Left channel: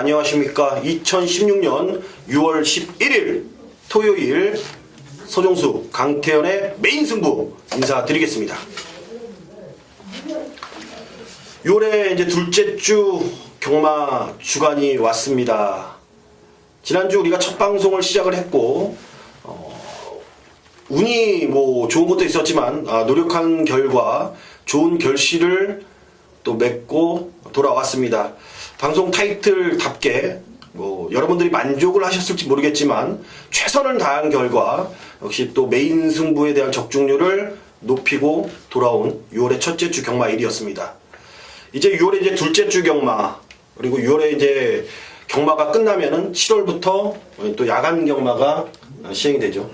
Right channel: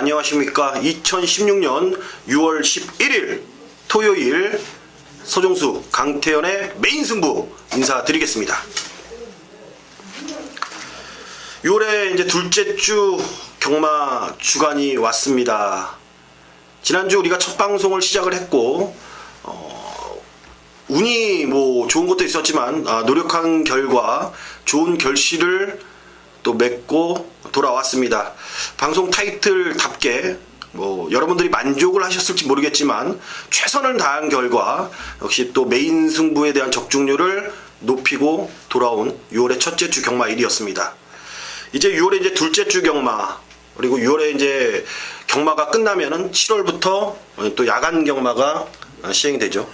안녕하십니까. 2016년 6월 11일 토요일 서종수 강태현의 메인 승부 인사드리겠습니다. 6월에 이제 둘째 주 경마 주간이 왔습니다. 지난주 우리가 첫 방송을 시작을 했고 운이 뭐 좋은 것도 있었지만 노력한 결과 좋은 결실을 또 맺고 돌아왔습니다. 방송 타이틀답게 뭐 여러분들이 만족을 하셨을지 모르겠지만 최선을 다한 결과 역시 또 메인 승부에 대한 적중률을 높이고 돌아온 6월의 첫째 주 경마일이었습니다. 이제 6월에 이제 둘째 주 경마, 그리고 6월에 이제 경마가 끝나면은 7월부터 또 야간 경마가 시행이 되죠.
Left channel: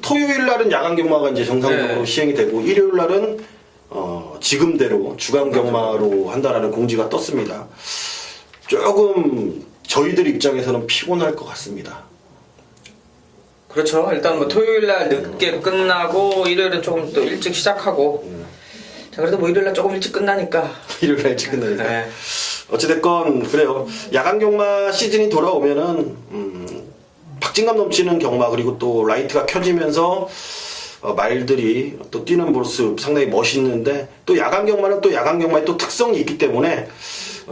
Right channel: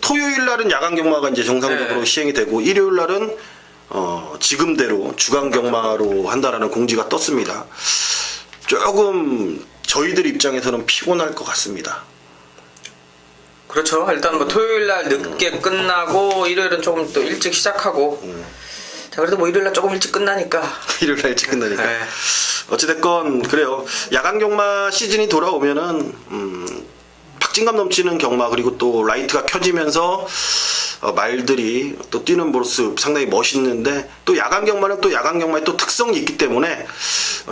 토요일 날은 야간 경마가 이제 정상적으로 시행이 되고, 일요일 날은 지금대로 주간 경마로 한다라는 공지가 떴습니다. 조금 저희들 입장에서는 피곤할 것 같습니다. 그렇죠. 일단 뭐 토요일 날 늦게 끝나고 일요일은 조금 또 일찍 시작하고. 자, 그래도 뭐 일요일 날 조금 일찍 끝나니까. 일요일 날 일찍 끝나니까. 네. 어찌됐건 그래요. 야간 경마 시즌이 돌아오면은 박진감 넘치는 경마, 그리고 또 라이트가 켜지면서 말들이 또 뛰는 모습 상당히 멋있는데, 또 야간 경마는 또 야간 경마의 또 특성이 있기 때문에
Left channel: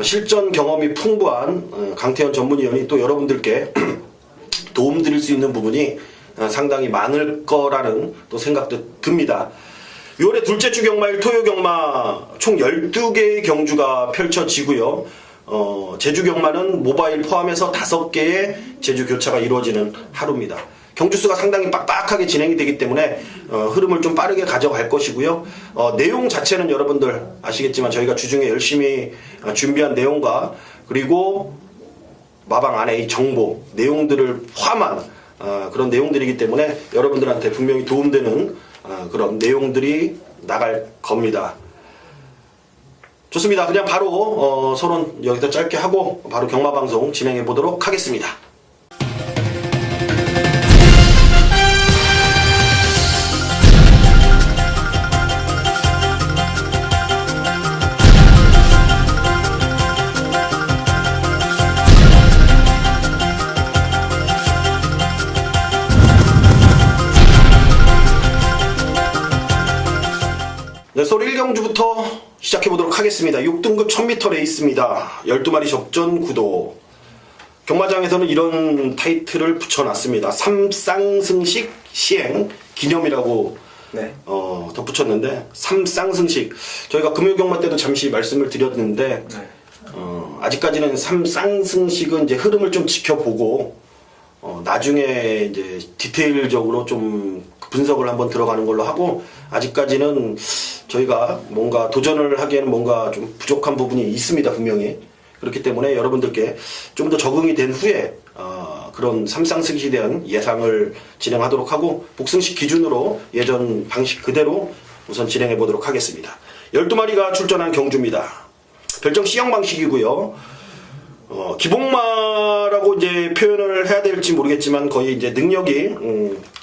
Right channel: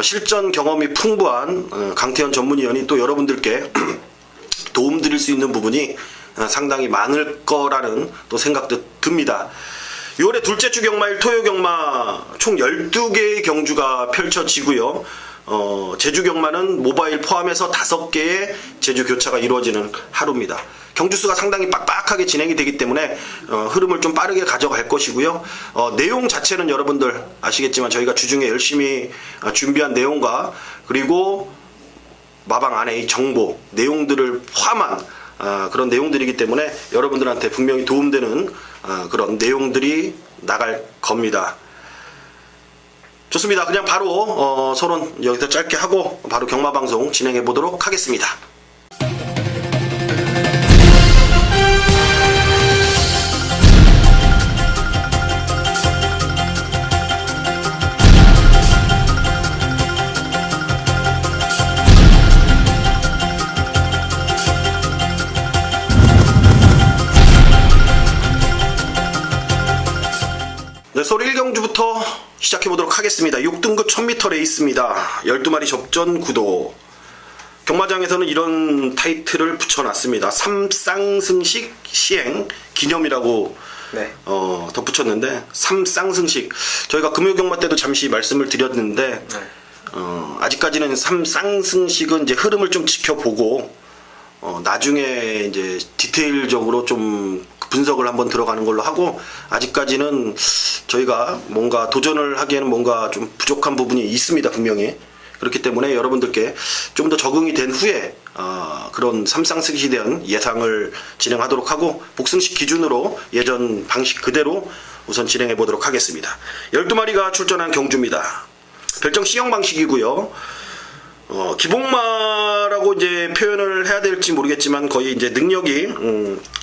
실전 경험이 풍부한 강태현 전문위원이 또 여러분들께 도움 드릴 수 있는 부분이 상당히 많을 거라는 또 생각도 듭니다. 6월의 둘째 주 경마일 토요 경마 총 12개의 경주가 펼쳐지고요. 제주 경마는 모바일 포함해서 5개의 제주 교차가 이루어지는 하루입니다. 경주수가 상당히 빡빡하게 진행이 되기 때문에 흐름을 좀 빠르게 가져갈 것이고요. 내용 자체는 여러분들 아시겠지만 저희가 주중에 열심히 준비한 내용과, 그리고 마방 안에 이 정보 내용들을 포함한 그런 내용들이기 때문에 여러분들한테 분명히 도움되는 그런 내용들이 나갈 겁니다. 좋습니다. 그냥 바로 서론 여기서 짧게 하고 바로 경마 방송 진행해 보도록 하겠습니다. 네, 서울 1경주부터 시작해보도록 하겠습니다. 6등급 1000m 레이스입니다. 12마리 접전 구도. 경마장에서는 이런 타이틀을 붙여놨습니다. 삼쌍승식 시행 기념이라고 덧붙였는데, 삼쌍승식. 저희가 금요경마 때도 잠시 말씀을 드렸는데 아직까지는 삼쌍승식은 이제 흐름을 좀 지켜보고 나중에 이제 디테일적으로 좀 분석을 한번 들어가는 걸로 하고, 아직까지는 저희가 뭔가 도전을 하기에는 뭔가 좀 부족한 부분이 있습니다, 분명히. 그렇기 때문에 여러분들께 좀 더 적응이 된 후에 그런 삼쌍승식에 대한 예상을 진행하도록 하고, 복승식 기준으로 예전 방식 그대로 우선 진행해 보도록 하겠습니다. 12마리가 출전한 경주입니다. 별정 C형 방식이고요. 기복마라고 이제 표현을 해야 될지 모르겠지만 거의 이제 능력이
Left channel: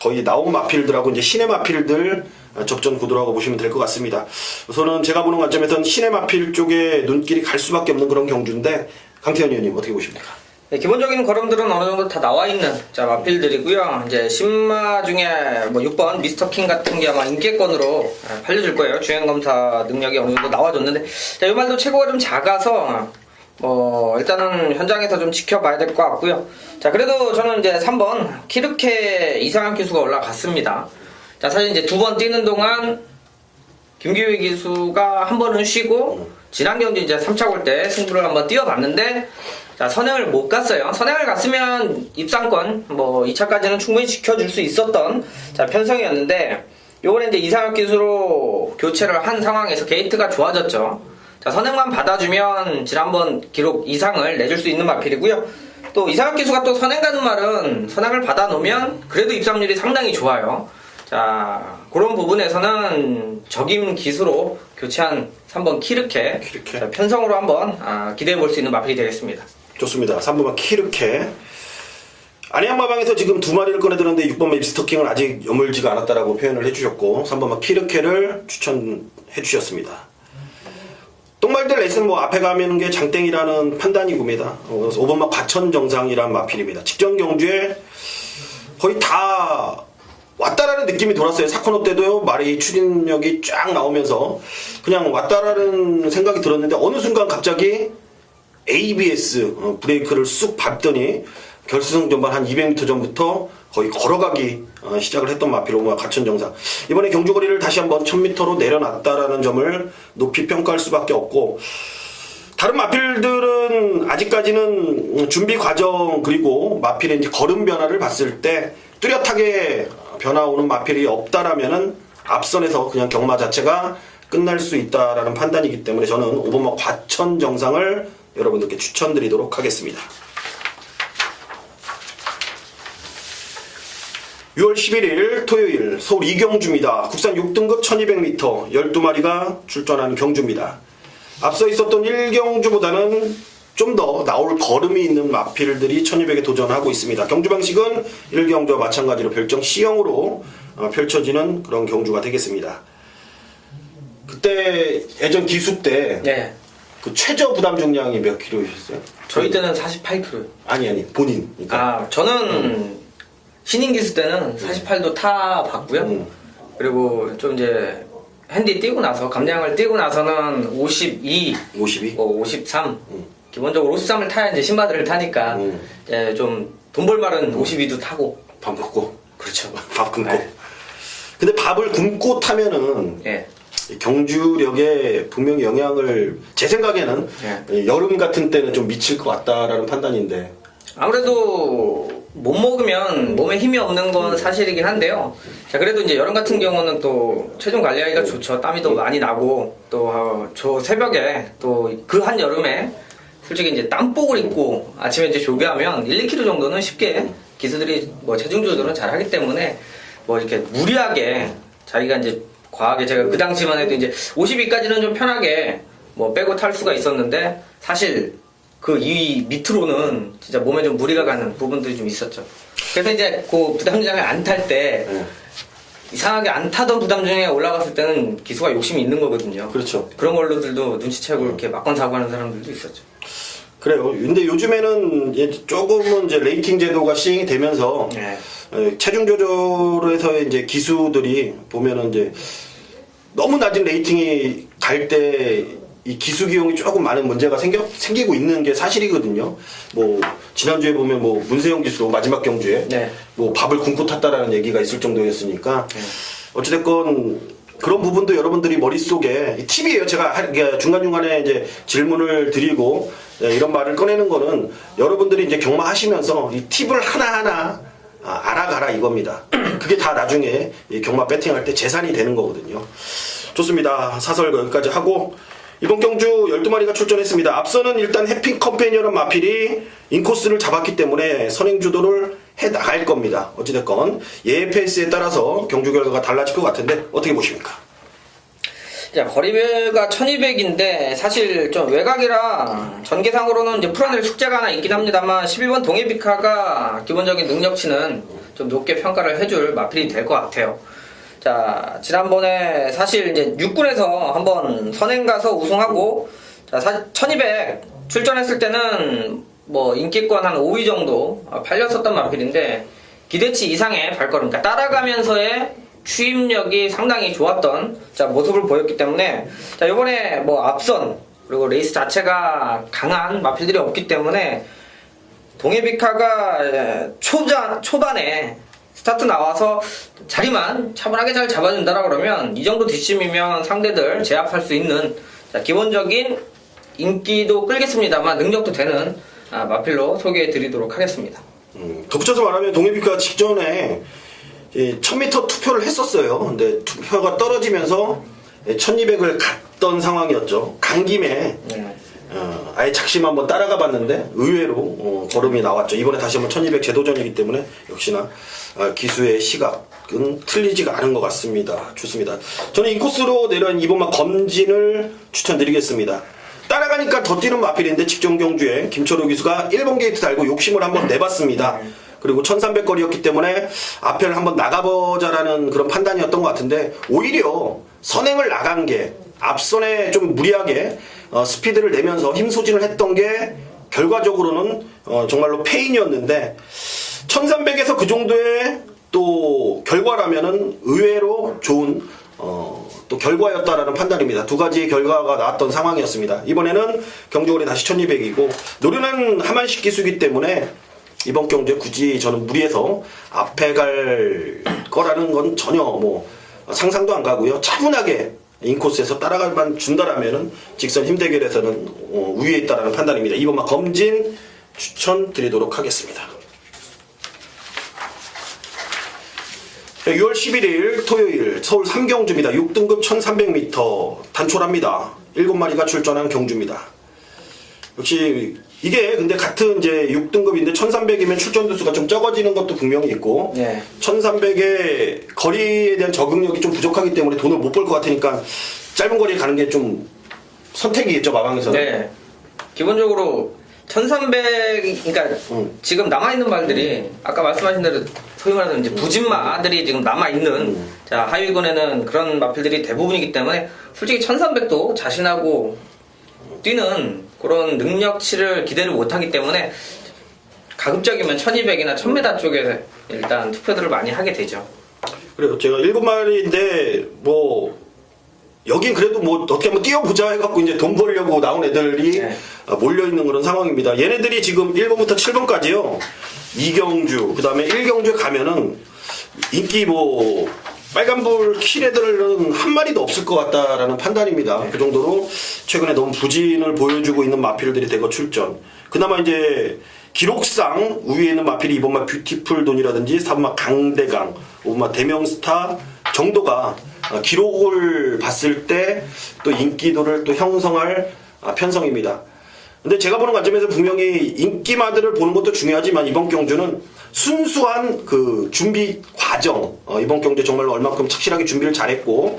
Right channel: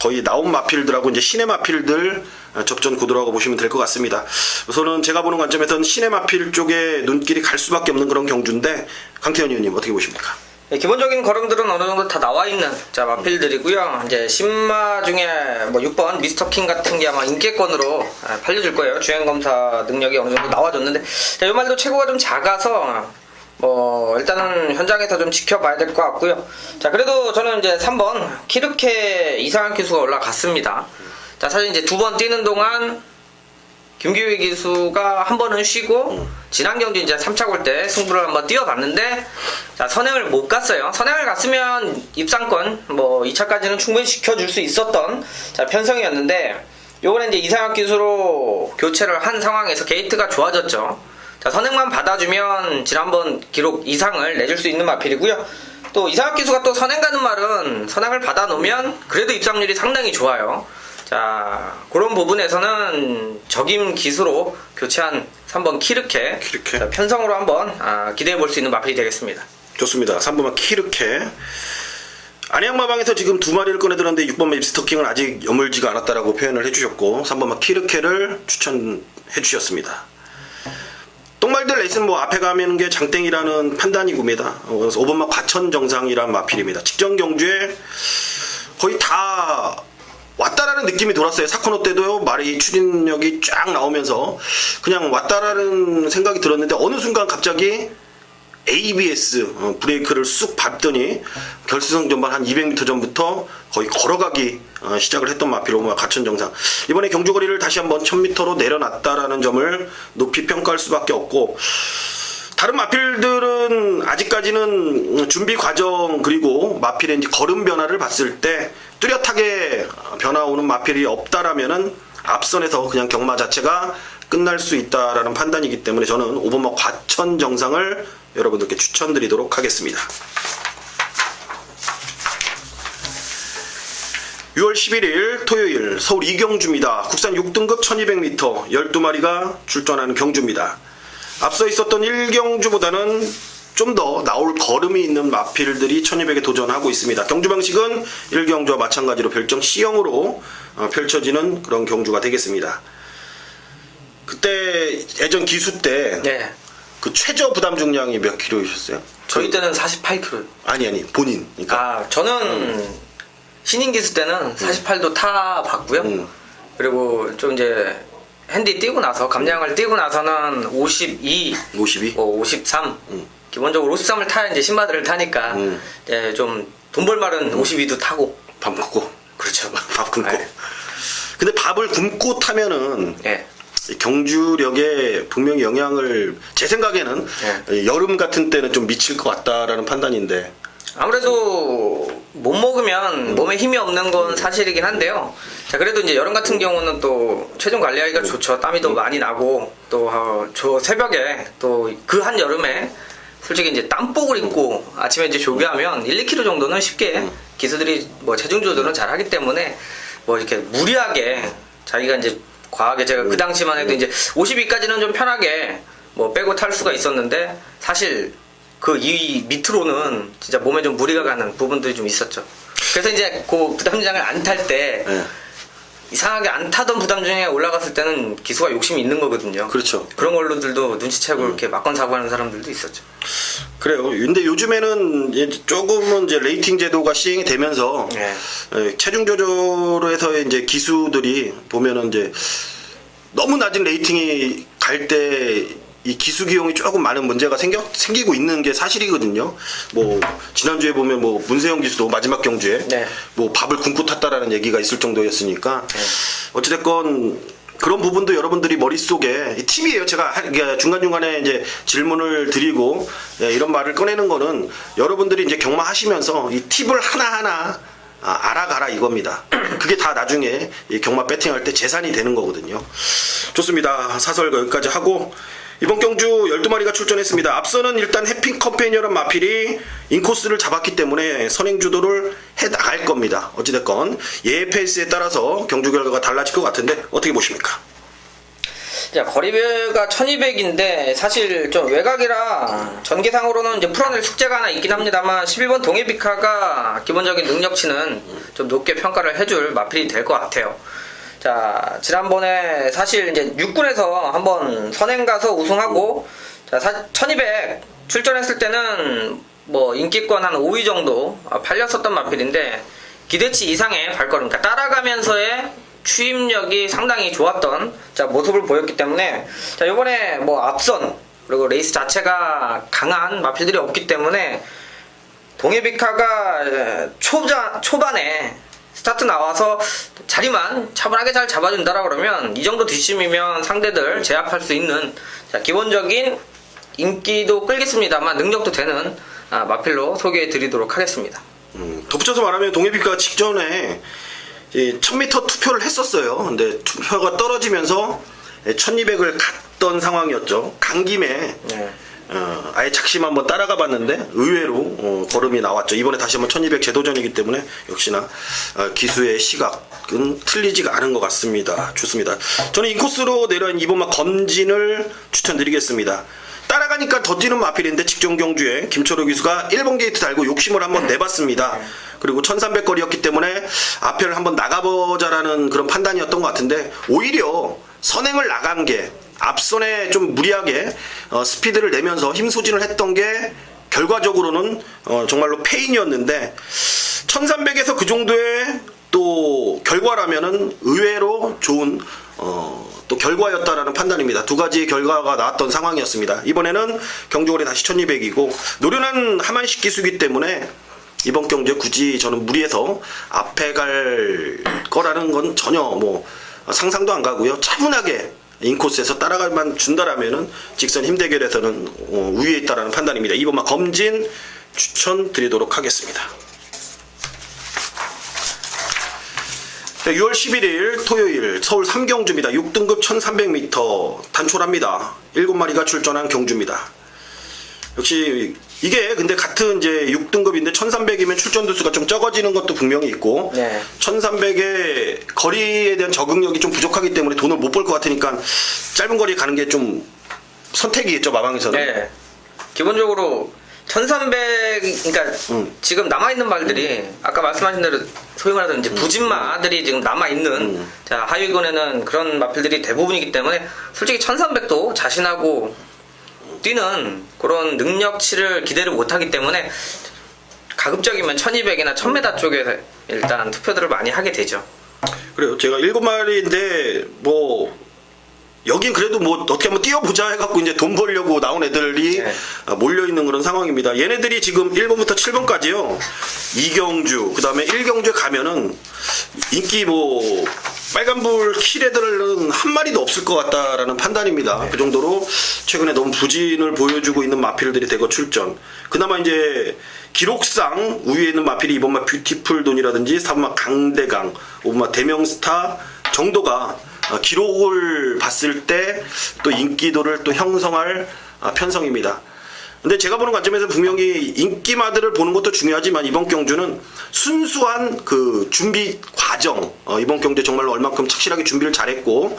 거의 나온 마필들하고 이제 신의 마필들 접전 구도라고 보시면 될 것 같습니다. 우선은 제가 보는 관점에서는 신의 마필 쪽에 눈길이 갈 수밖에 없는 그런 경주인데, 강태현 의원님 어떻게 보십니까? 네, 기본적인 걸음들은 어느 정도 다 나와 있는 마필들이고요. 이제 신마 중에 뭐 6번 미스터킹 같은 게 아마 인기권으로 팔려줄 거예요. 주행검사 능력이 어느 정도 나와줬는데, 자, 이 말도 체구가 좀 작아서 일단은 현장에서 좀 지켜봐야 될 것 같고요. 자, 그래도 저는 이제 3번 키르케 이상한 기수가 올라갔습니다. 자, 사실 이제 2번 뛰는 동안 김기휘 기수가 한 번은 쉬고, 지난 경주 이제 3차 골 때 승부를 한번 뛰어봤는데, 자, 선행을 못 갔어요. 선행을 갔으면 입상권 뭐 2차까지는 충분히 지켜줄 수 있었던 편성이었는데, 요번에 이제 이상한 기수로 교체를 한 상황에서 게이트가 좋아졌죠. 자, 선행만 받아주면 지난번 기록 이상을 내줄 수 있는 마필이고요. 또 이상학 기수가 또 선행 가는 말은 선행을 받아놓으면 그래도 입상률이 상당히 좋아요. 자, 그런 부분에서는 적임 기수로 교체한 3번 키르케. 자, 편성으로 한번 기대해 볼 수 있는 마필이 되겠습니다. 좋습니다. 3번만 키르케. 안양마방에서 지금 2마리를 꺼내들었는데 6번 맵스터킹은 아직 여물지가 않았다라고 표현을 해주셨고, 3번만 키르케를 추천해 주셨습니다. 똥말들 레이스는 뭐 앞에 가면 게 장땡이라는 판단이고입니다. 그래서 5번마 과천정상이란 마필입니다. 직전 경주에 거의 다 왔다라는 느낌이 돌았어요. 사코노 때도요. 말이 추진력이 쫙 나오면서 그냥 왔다라는 생각이 들었는데 어느 순간 갑자기 ABS 브레이크를 쑥 밟더니 결승 전반 한 200m 전부터 거의 걸어가기 시작을 했던 마필 5번마 과천정상. 이번에 경주거리를 다시 한번 1000m로 내려놨다라는 점을 높이 평가할 수밖에 없고, 다른 마필들은 아직까지는 준비 과정 그리고 마필의 이제 걸음 변화를 봤을 때 뚜렷하게 변화 오는 마필이 없다라면은 앞선에서 그냥 경마 자체가 끝날 수 있다라는 판단이기 때문에 저는 5번마 과천정상을 여러분들께 추천드리도록 하겠습니다. 6월 11일 토요일 서울 이경주입니다. 국산 6등급 1200m 12마리가 출전하는 경주입니다. 앞서 있었던 1경주보다는 좀 더 나올 걸음이 있는 마필들이 1200에 도전하고 있습니다. 경주 방식은 1경주와 마찬가지로 별정 C형으로 펼쳐지는 그런 경주가 되겠습니다. 그때 예전 기수 때 네. 그 최저 부담 중량이 몇 킬로이셨어요? 저희 때는 48kg. 아니 본인. 그러니까 저는 신인 기수 때는 48도 타 봤고요. 그리고 좀 이제 핸디 뛰고 나서 감량을 뛰고 나서는 52, 52? 53. 기본적으로 53을 타야 이제 신바들을 타니까 이제 좀 돈 벌 말은 52도 타고. 밥 먹고. 그렇죠. 밥 굶고. 네. 근데 밥을 굶고 타면은 예. 이 경주력에 분명히 영향을, 제 생각에는 여름 같은 때는 좀 미칠 것 같다라는 판단인데. 아무래도 못 먹으면 몸에 힘이 없는 건 사실이긴 한데요. 자, 그래도 이제 여름 같은 경우는 또 체중 관리하기가 좋죠. 땀이 더 많이 나고, 또 저 새벽에 또 그 한 여름에 솔직히 이제 땀복을 입고 아침에 이제 조개하면 1, 2kg 정도는 쉽게 기수들이 뭐 체중 조절은 잘 하기 때문에 뭐 이렇게 무리하게 자기가 이제 과하게, 제가 그 당시만 해도 이제 52까지는 좀 편하게 뭐 빼고 탈 수가 있었는데, 사실 그 이 밑으로는 진짜 몸에 좀 무리가 가는 부분들이 좀 있었죠. 그래서 이제 그 부담장을 안 탈 때 이상하게 안 타던 부담장에 올라갔을 때는 기수가 욕심이 있는 거거든요. 그렇죠. 그런 걸로들도 눈치채고 이렇게 막건 사고하는 사람들도 있었죠. 그래요. 근데 요즘에는 이제 조금은 이제 레이팅 제도가 시행이 되면서 체중 조절에서 이제 기수들이 보면은 이제 너무 낮은 레이팅이 갈 때 이 기수 기용이 조금 많은 문제가 생기고 있는 게 사실이거든요. 뭐 지난주에 보면 뭐 문세영 기수도 마지막 경주에 뭐 밥을 굶고 탔다라는 얘기가 있을 정도였으니까 어찌됐건 그런 부분도 여러분들이 머릿속에 팁이에요. 제가 중간중간에 이제 질문을 드리고 이런 말을 꺼내는 거는 여러분들이 이제 경마하시면서 이 팁을 하나하나 알아가라 이겁니다. 그게 다 나중에 이 경마 배팅할 때 재산이 되는 거거든요. 좋습니다. 사설 여기까지 하고, 이번 경주 12마리가 출전했습니다. 앞서는 일단 해핑 컴패니언 마필이 인코스를 잡았기 때문에 선행 주도를 해 나갈 겁니다. 어찌됐건 얘의 페이스에 따라서 경주 결과가 달라질 것 같은데 어떻게 보십니까? 자, 거리가 1200인데 사실 좀 외곽이라 전개상으로는 이제 풀어낼 숙제가 하나 있긴 합니다만 11번 동해비카가 기본적인 능력치는 좀 높게 평가를 해줄 마필이 될 것 같아요. 자, 지난번에 사실 이제 6군에서 한번 선행 가서 우승하고, 자, 1200 출전했을 때는 뭐 인기권 한 5위 정도 팔렸었던 마필인데 기대치 이상의 발걸음, 그러니까 따라가면서의 추임력이 상당히 좋았던 모습을 보였기 때문에, 자, 이번에 뭐 앞선 그리고 레이스 자체가 강한 마필들이 없기 때문에 동해비카가 초반에 스타트 나와서 자리만 차분하게 잘 잡아준다라 그러면 이 정도 뒷심이면 상대들 제압할 수 있는, 자, 기본적인 인기도 끌겠습니다만 능력도 되는 마필로 소개해 드리도록 하겠습니다. 덧붙여서 말하면 동해비카가 직전에 1000m 투표를 했었어요. 근데 투표가 떨어지면서 1200을 갔던 상황이었죠. 간 김에 아예 작심 한번 따라가 봤는데 의외로 걸음이 나왔죠. 이번에 다시 한번 1200 재도전이기 때문에 역시나 기수의 시각은 틀리지가 않은 것 같습니다. 좋습니다. 저는 인코스로 내려온 이번만 검진을 추천드리겠습니다. 따라가니까 더 뛰는 마필인데 직전 경주에 김철호 기수가 1번 게이트 달고 욕심을 한번 내봤습니다. 그리고 1300거리였기 때문에 앞편을 한번 나가보자라는 그런 판단이었던 것 같은데 오히려 선행을 나간 게 앞선에 좀 무리하게 스피드를 내면서 힘 소진을 했던 게 결과적으로는 정말로 페인이었는데 1300에서 그 정도의 또 결과라면은 의외로 좋은 또 결과였다라는 판단입니다. 두 가지의 결과가 나왔던 상황이었습니다. 이번에는 경주거리 다시 1200이고 노련한 하만식 기수기 때문에 이번 경주에 굳이 저는 무리해서 앞에 갈 거라는 건 전혀 뭐 상상도 안 가고요. 차분하게 인코스에서 따라갈만 준다라면은 직선 힘 대결에서는 우위에 있다라는 판단입니다. 이번만 검진 추천드리도록 하겠습니다. 6월 11일 토요일 서울 3경주입니다. 6등급 1300m 단촐합니다. 7마리가 출전한 경주입니다. 역시 이게 근데 같은 이제 6등급인데 1300이면 출전 두수가 좀 적어지는 것도 분명히 있고 네. 1300의 거리에 대한 적응력이 좀 부족하기 때문에 돈을 못 벌 것 같으니까 짧은 거리에 가는 게 좀 선택이 있죠, 마방에서는. 네. 기본적으로 1300, 그러니까 지금 남아있는 말들이 아까 말씀하신 대로 소위 말하는 이제 부진마들이 지금 남아있는 자, 하위권에는 그런 마필들이 대부분이기 때문에 솔직히 1300도 자신하고 뛰는 그런 능력치를 기대를 못하기 때문에 가급적이면 1200이나 1000m 쪽에 일단 투표들을 많이 하게 되죠. 그래요. 제가 7마리인데 뭐 여긴 그래도 뭐 어떻게 한번 뛰어보자 해갖고 이제 돈 벌려고 나온 애들이 네. 몰려있는 그런 상황입니다. 얘네들이 지금 1번부터 7번까지요. 2경주, 그 다음에 1경주에 가면은 인기 뭐 빨간불 킬 애들은 한 마리도 없을 것 같다라는 판단입니다. 네. 그 정도로 최근에 너무 부진을 보여주고 있는 마필들이 대거 출전. 그나마 이제 기록상 우위에 있는 마필이 이번마 뷰티풀 돈이라든지 3번마 강대강, 5번마 대명스타 정도가 기록을 봤을 때 또 인기도를 또 형성할 편성입니다. 근데 제가 보는 관점에서 분명히 인기마들을 보는 것도 중요하지만 이번 경주는 순수한 그 준비 과정, 이번 경주에 정말로 얼만큼 착실하게 준비를 잘했고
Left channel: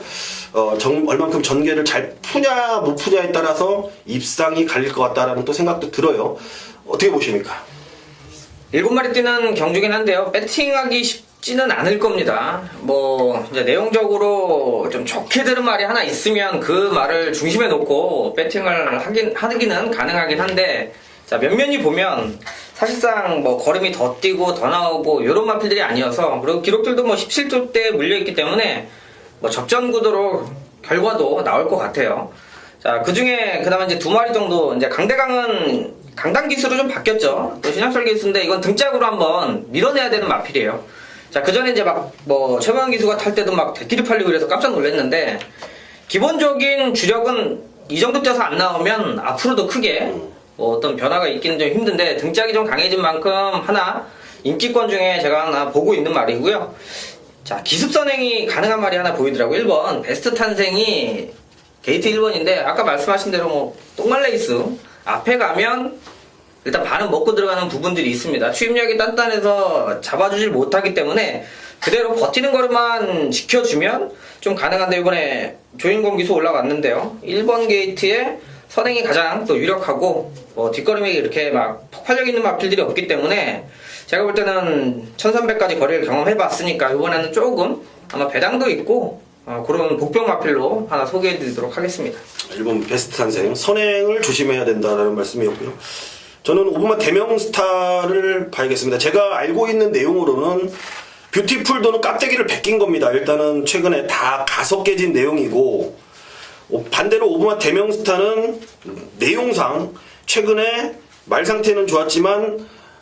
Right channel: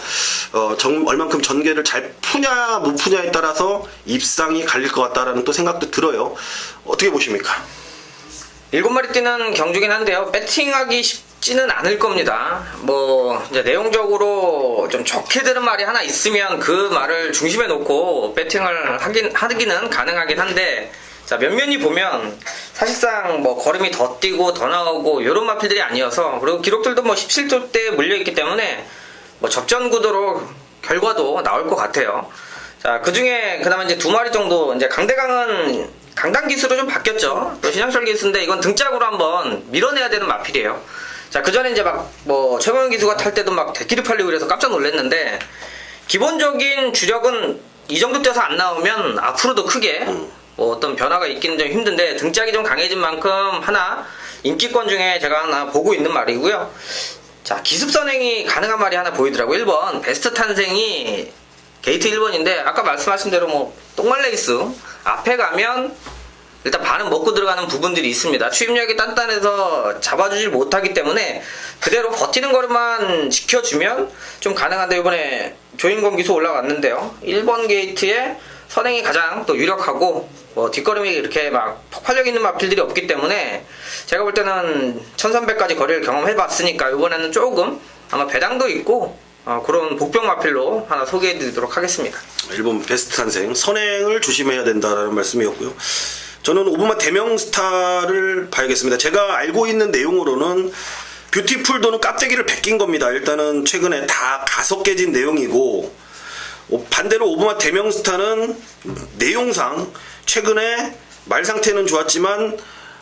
얼만큼 전개를 잘 푸냐 못 푸냐에 따라서 입상이 갈릴 것 같다라는 또 생각도 들어요. 어떻게 보십니까? 7마리 뛰는 경주긴 한데요. 배팅하기 쉽지는 않을 겁니다. 뭐 이제 내용적으로 좀 좋게 들은 말이 하나 있으면 그 말을 중심에 놓고 배팅을 하기는 가능하긴 한데 자, 면면히 보면 사실상 뭐 걸음이 더 뛰고 더 나오고 이런 마필들이 아니어서 그리고 기록들도 뭐 17조 대 물려있기 때문에 뭐 접전 구도로 결과도 나올 것 같아요. 자, 그 중에 그다음에 이제 2마리 정도 이제 강대강은 강당 기수로 좀 바뀌었죠. 또 신영철 기수인데 이건 등짝으로 한번 밀어내야 되는 마필이에요. 자, 그 전에 이제 막 뭐 최광현 기수가 탈 때도 막 대끼리 팔리고 그래서 깜짝 놀랐는데 기본적인 주력은 이 정도 뛰어서 안 나오면 앞으로도 크게 뭐 어떤 변화가 있기는 좀 힘든데 등짝이 좀 강해진 만큼 하나 인기권 중에 제가 하나 보고 있는 말이고요. 자, 기습 선행이 가능한 말이 하나 보이더라고요. 1번 베스트 탄생이 게이트 1번인데 아까 말씀하신 대로 뭐 똥말레이스 앞에 가면 일단 반은 먹고 들어가는 부분들이 있습니다. 추임력이 단단해서 잡아주질 못하기 때문에 그대로 버티는 거만 지켜주면 좀 가능한데 이번에 조인권 기수 올라갔는데요. 1번 게이트에 선행이 가장 또 유력하고 뭐 뒷걸음이 이렇게 막 폭발력 있는 마필들이 없기 때문에 제가 볼 때는 1300까지 거리를 경험해봤으니까 이번에는 조금 아마 배당도 있고 그런 복병 마필로 하나 소개해드리도록 하겠습니다. 1번 베스트 탄생 선행을 조심해야 된다라는 말씀이었고요. 저는 5번마 대명스타를 봐야겠습니다. 제가 알고 있는 내용으로는 뷰티풀도는 깍대기를 베낀 겁니다. 일단은 최근에 다 가속 깨진 내용이고 반대로 5번마 대명스타는 내용상 최근에 말 상태는 좋았지만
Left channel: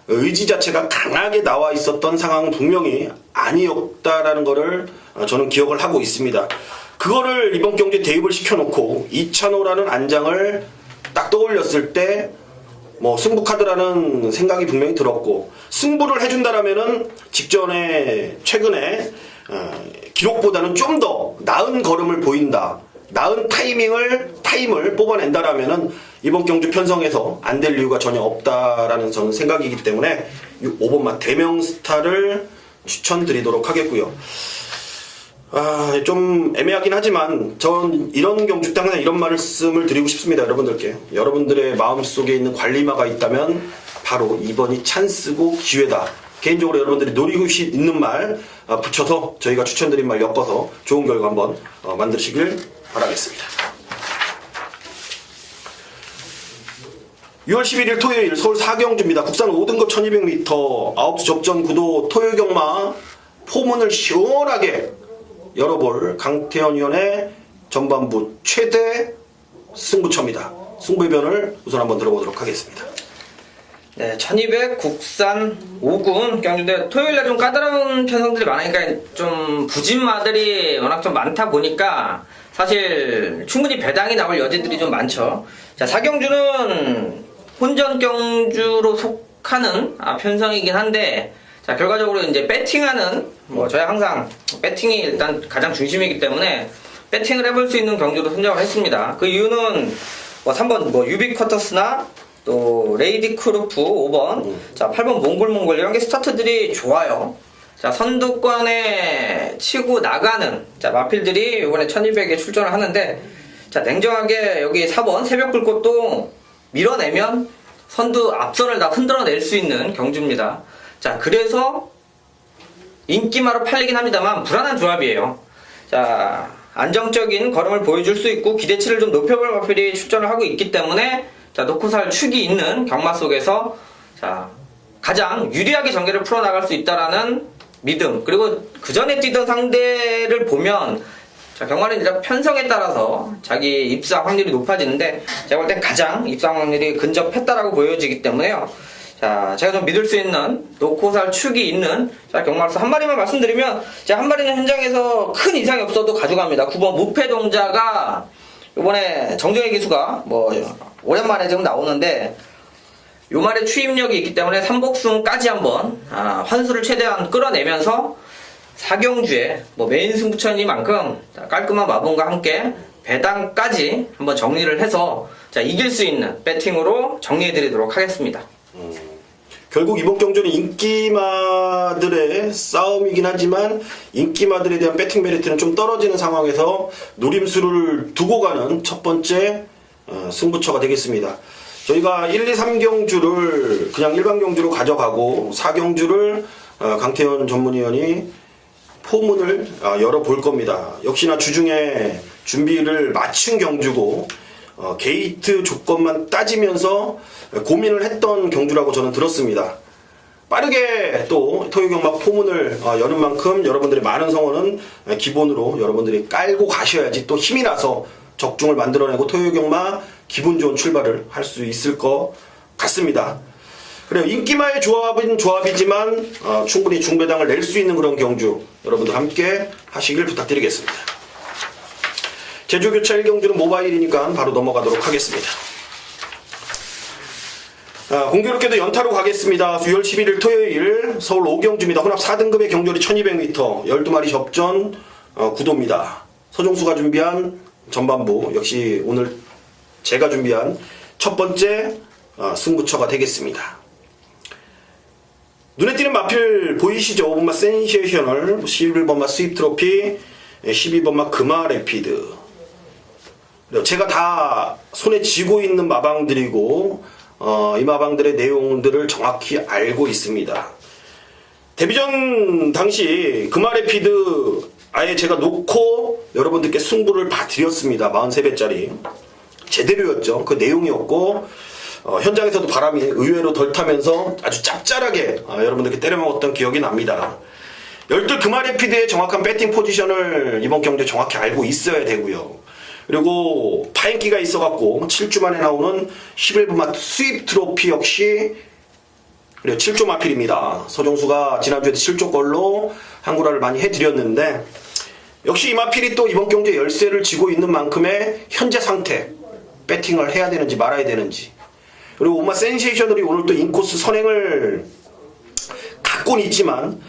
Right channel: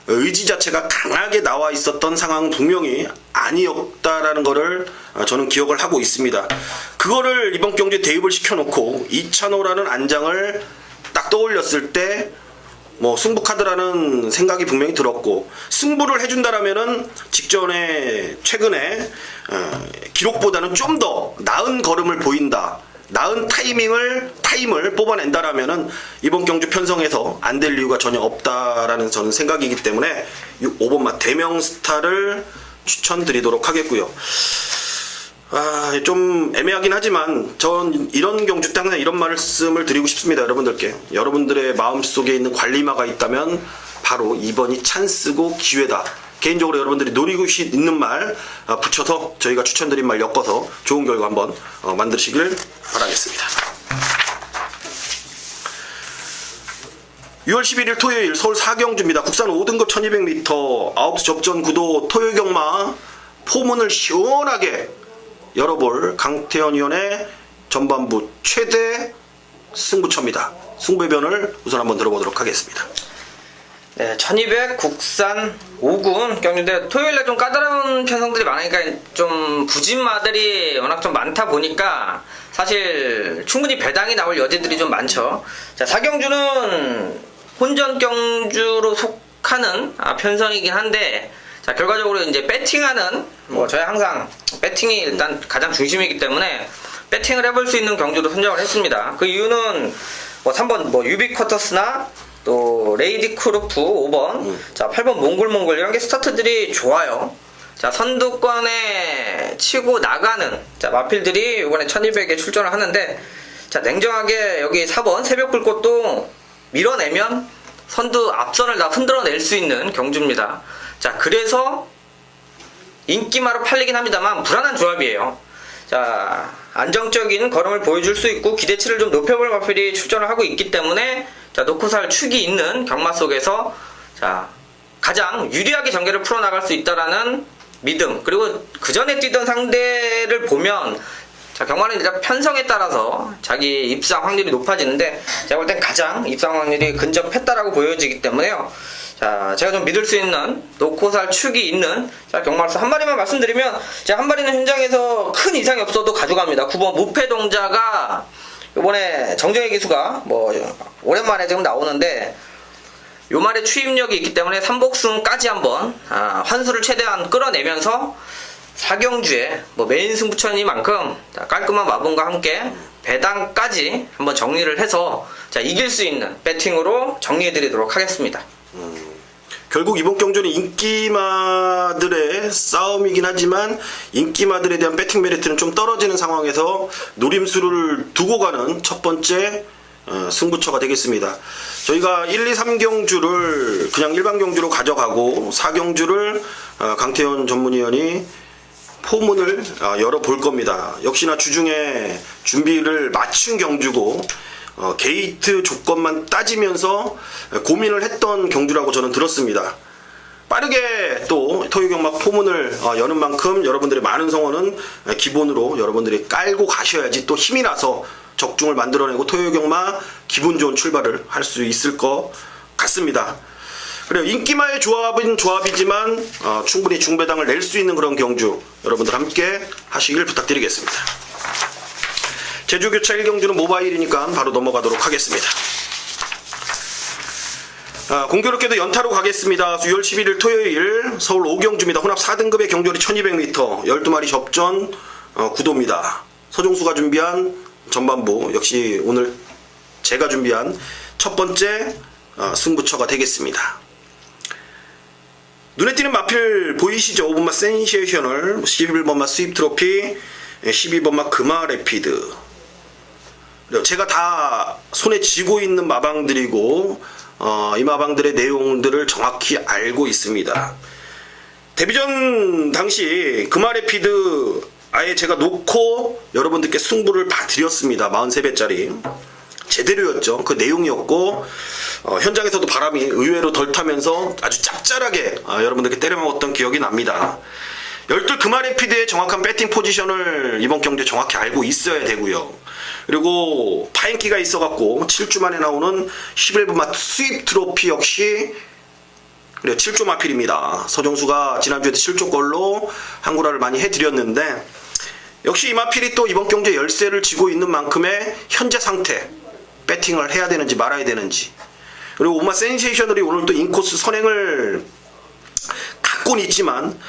의지 자체가 강하게 나와 있었던 상황 분명히 아니었다라는 거를 저는 기억을 하고 있습니다. 그거를 이번 경기에 대입을 시켜놓고 2,005라는 안장을 딱 떠올렸을 때 뭐 승부카드라는 생각이 분명히 들었고 승부를 해준다라면은 직전에 최근에 기록보다는 좀 더 나은 걸음을 보인다. 나은 타임을 뽑아낸다라면은 이번 경주 편성에서 안 될 이유가 전혀 없다라는 저는 생각이기 때문에 5번마 대명스타를 추천드리도록 하겠고요. 좀 애매하긴 하지만 전 이런 경주 때 항상 이런 말씀을 드리고 싶습니다. 여러분들께. 여러분들의 마음속에 있는 관리마가 있다면 바로 이번이 찬스고 기회다. 개인적으로 여러분들이 노리고 있는 말 붙여서 저희가 추천드린 말 엮어서 좋은 결과 한번 만드시길 바라겠습니다. 6월 11일 토요일 서울 4경주입니다. 국산 5등급 1200m 9시 접전 구도 토요 경마 포문을 시원하게 열어볼 강태현 위원의 전반부 최대 승부처입니다. 승부변을 우선 한번 들어보도록 하겠습니다. 네, 1200 국산 5군 경주인데 토요일에 좀 까다로운 편성들이 많으니까 좀 부진마들이 워낙 좀 많다 보니까 사실 충분히 배당이 나올 여지들이 좀 많죠. 자, 4경주는 혼전 경주로 속하는 편성이긴 한데 자, 결과적으로 이제 배팅하는 저희 항상 배팅이 일단 가장 중심이기 때문에 배팅을 해볼 수 있는 경주로 선정을 했습니다. 그 이유는 3번 유비쿼터스나 또 레이디 크루프 5번, 자 8번 몽골 이런 게 스타트들이 좋아요. 자 선두권에 치고 나가는 자 마필들이 이번에 1200에 출전을 하는데 자 냉정하게 여기 4번 새벽 불꽃도 밀어내면 선두 앞선을 다 흔들어낼 수 있는 경주입니다. 자 그래서 인기마로 팔리긴 합니다만 불안한 조합이에요. 자 안정적인 걸음을 보여줄 수 있고 기대치를 좀 높여볼 마필이 출전을 하고 있기 때문에 자 놓고 살 축이 있는 경마 속에서 자 가장 유리하게 전개를 풀어나갈 수 있다라는 믿음, 그리고 그 전에 뛰던 상대를 보면 자 경마는 이제 편성에 따라서 자기 입상 확률이 높아지는데 제가 볼 땐 가장 입상 확률이 근접했다라고 보여지기 때문에요. 자 제가 좀 믿을 수 있는 놓고 살 축이 있는 자 경마로서 한 마리만 말씀드리면 제가 한 마리는 현장에서 큰 이상이 없어도 가져갑니다. 9번 무패동자가 이번에 정정희 기수가 오랜만에 지금 나오는데 요 말에 추임력이 있기 때문에 3복승까지 한번 환수를 최대한 끌어내면서 4경주에 메인 승부처니만큼 깔끔한 마분과 함께 배당까지 한번 정리를 해서 자 이길 수 있는 배팅으로 정리해드리도록 하겠습니다. 결국 이번 경주는 인기마들의 싸움이긴 하지만 인기마들에 대한 배팅 메리트는 좀 떨어지는 상황에서 노림수를 두고 가는 첫 번째 승부처가 되겠습니다. 저희가 1, 2, 3경주를 그냥 일반 경주로 가져가고 4경주를 강태현 전문위원이 포문을 열어볼 겁니다. 역시나 주중에 준비를 마친 경주고 게이트 조건만 따지면서 고민을 했던 경주라고 저는 들었습니다. 빠르게 또 토요경마 포문을 여는 만큼 여러분들의 많은 성원은 기본으로 여러분들이 깔고 가셔야지 또 힘이 나서 적중을 만들어내고 토요경마 기분 좋은 출발을 할 수 있을 것 같습니다. 그래요. 인기마의 조합은 조합이지만 충분히 중배당을 낼 수 있는 그런 경주 여러분들 함께 하시길 부탁드리겠습니다. 제주교차 1경주는 모바일이니까 바로 넘어가도록 하겠습니다. 공교롭게도 연타로 가겠습니다. 6월 11일 토요일 서울 5경주입니다. 혼합 4등급의 경주리 1200m 12마리 접전 구도입니다. 서종수가 준비한 전반부 역시 오늘 제가 준비한 첫 번째 승부처가 되겠습니다. 눈에 띄는 마필 보이시죠? 5번마 센세이셔널, 11번마 스윕 트로피, 12번마 금화 레피드. 제가 다 손에 쥐고 있는 마방들이고 이 마방들의 내용들을 정확히 알고 있습니다. 데뷔전 당시 금화레피드 아예 제가 놓고 여러분들께 승부를 봐드렸습니다. 43배짜리 제대로였죠. 그 내용이었고 현장에서도 바람이 의외로 덜 타면서 아주 짭짤하게 여러분들께 때려먹었던 기억이 납니다. 12 금화레피드의 정확한 배팅 포지션을 이번 경기에 정확히 알고 있어야 되고요. 그리고 파인기가 있어갖고 7주 만에 나오는 11번마 스윕 트로피 역시 7조 마필입니다. 서정수가 지난주에도 7조 걸로 한구라를 많이 해드렸는데 역시 이 마필이 또 이번 경기에 열세를 쥐고 있는 만큼의 현재 상태 배팅을 해야 되는지 말아야 되는지 그리고 오마 센세이셔널이 오늘 또 인코스 선행을 갖고는 있지만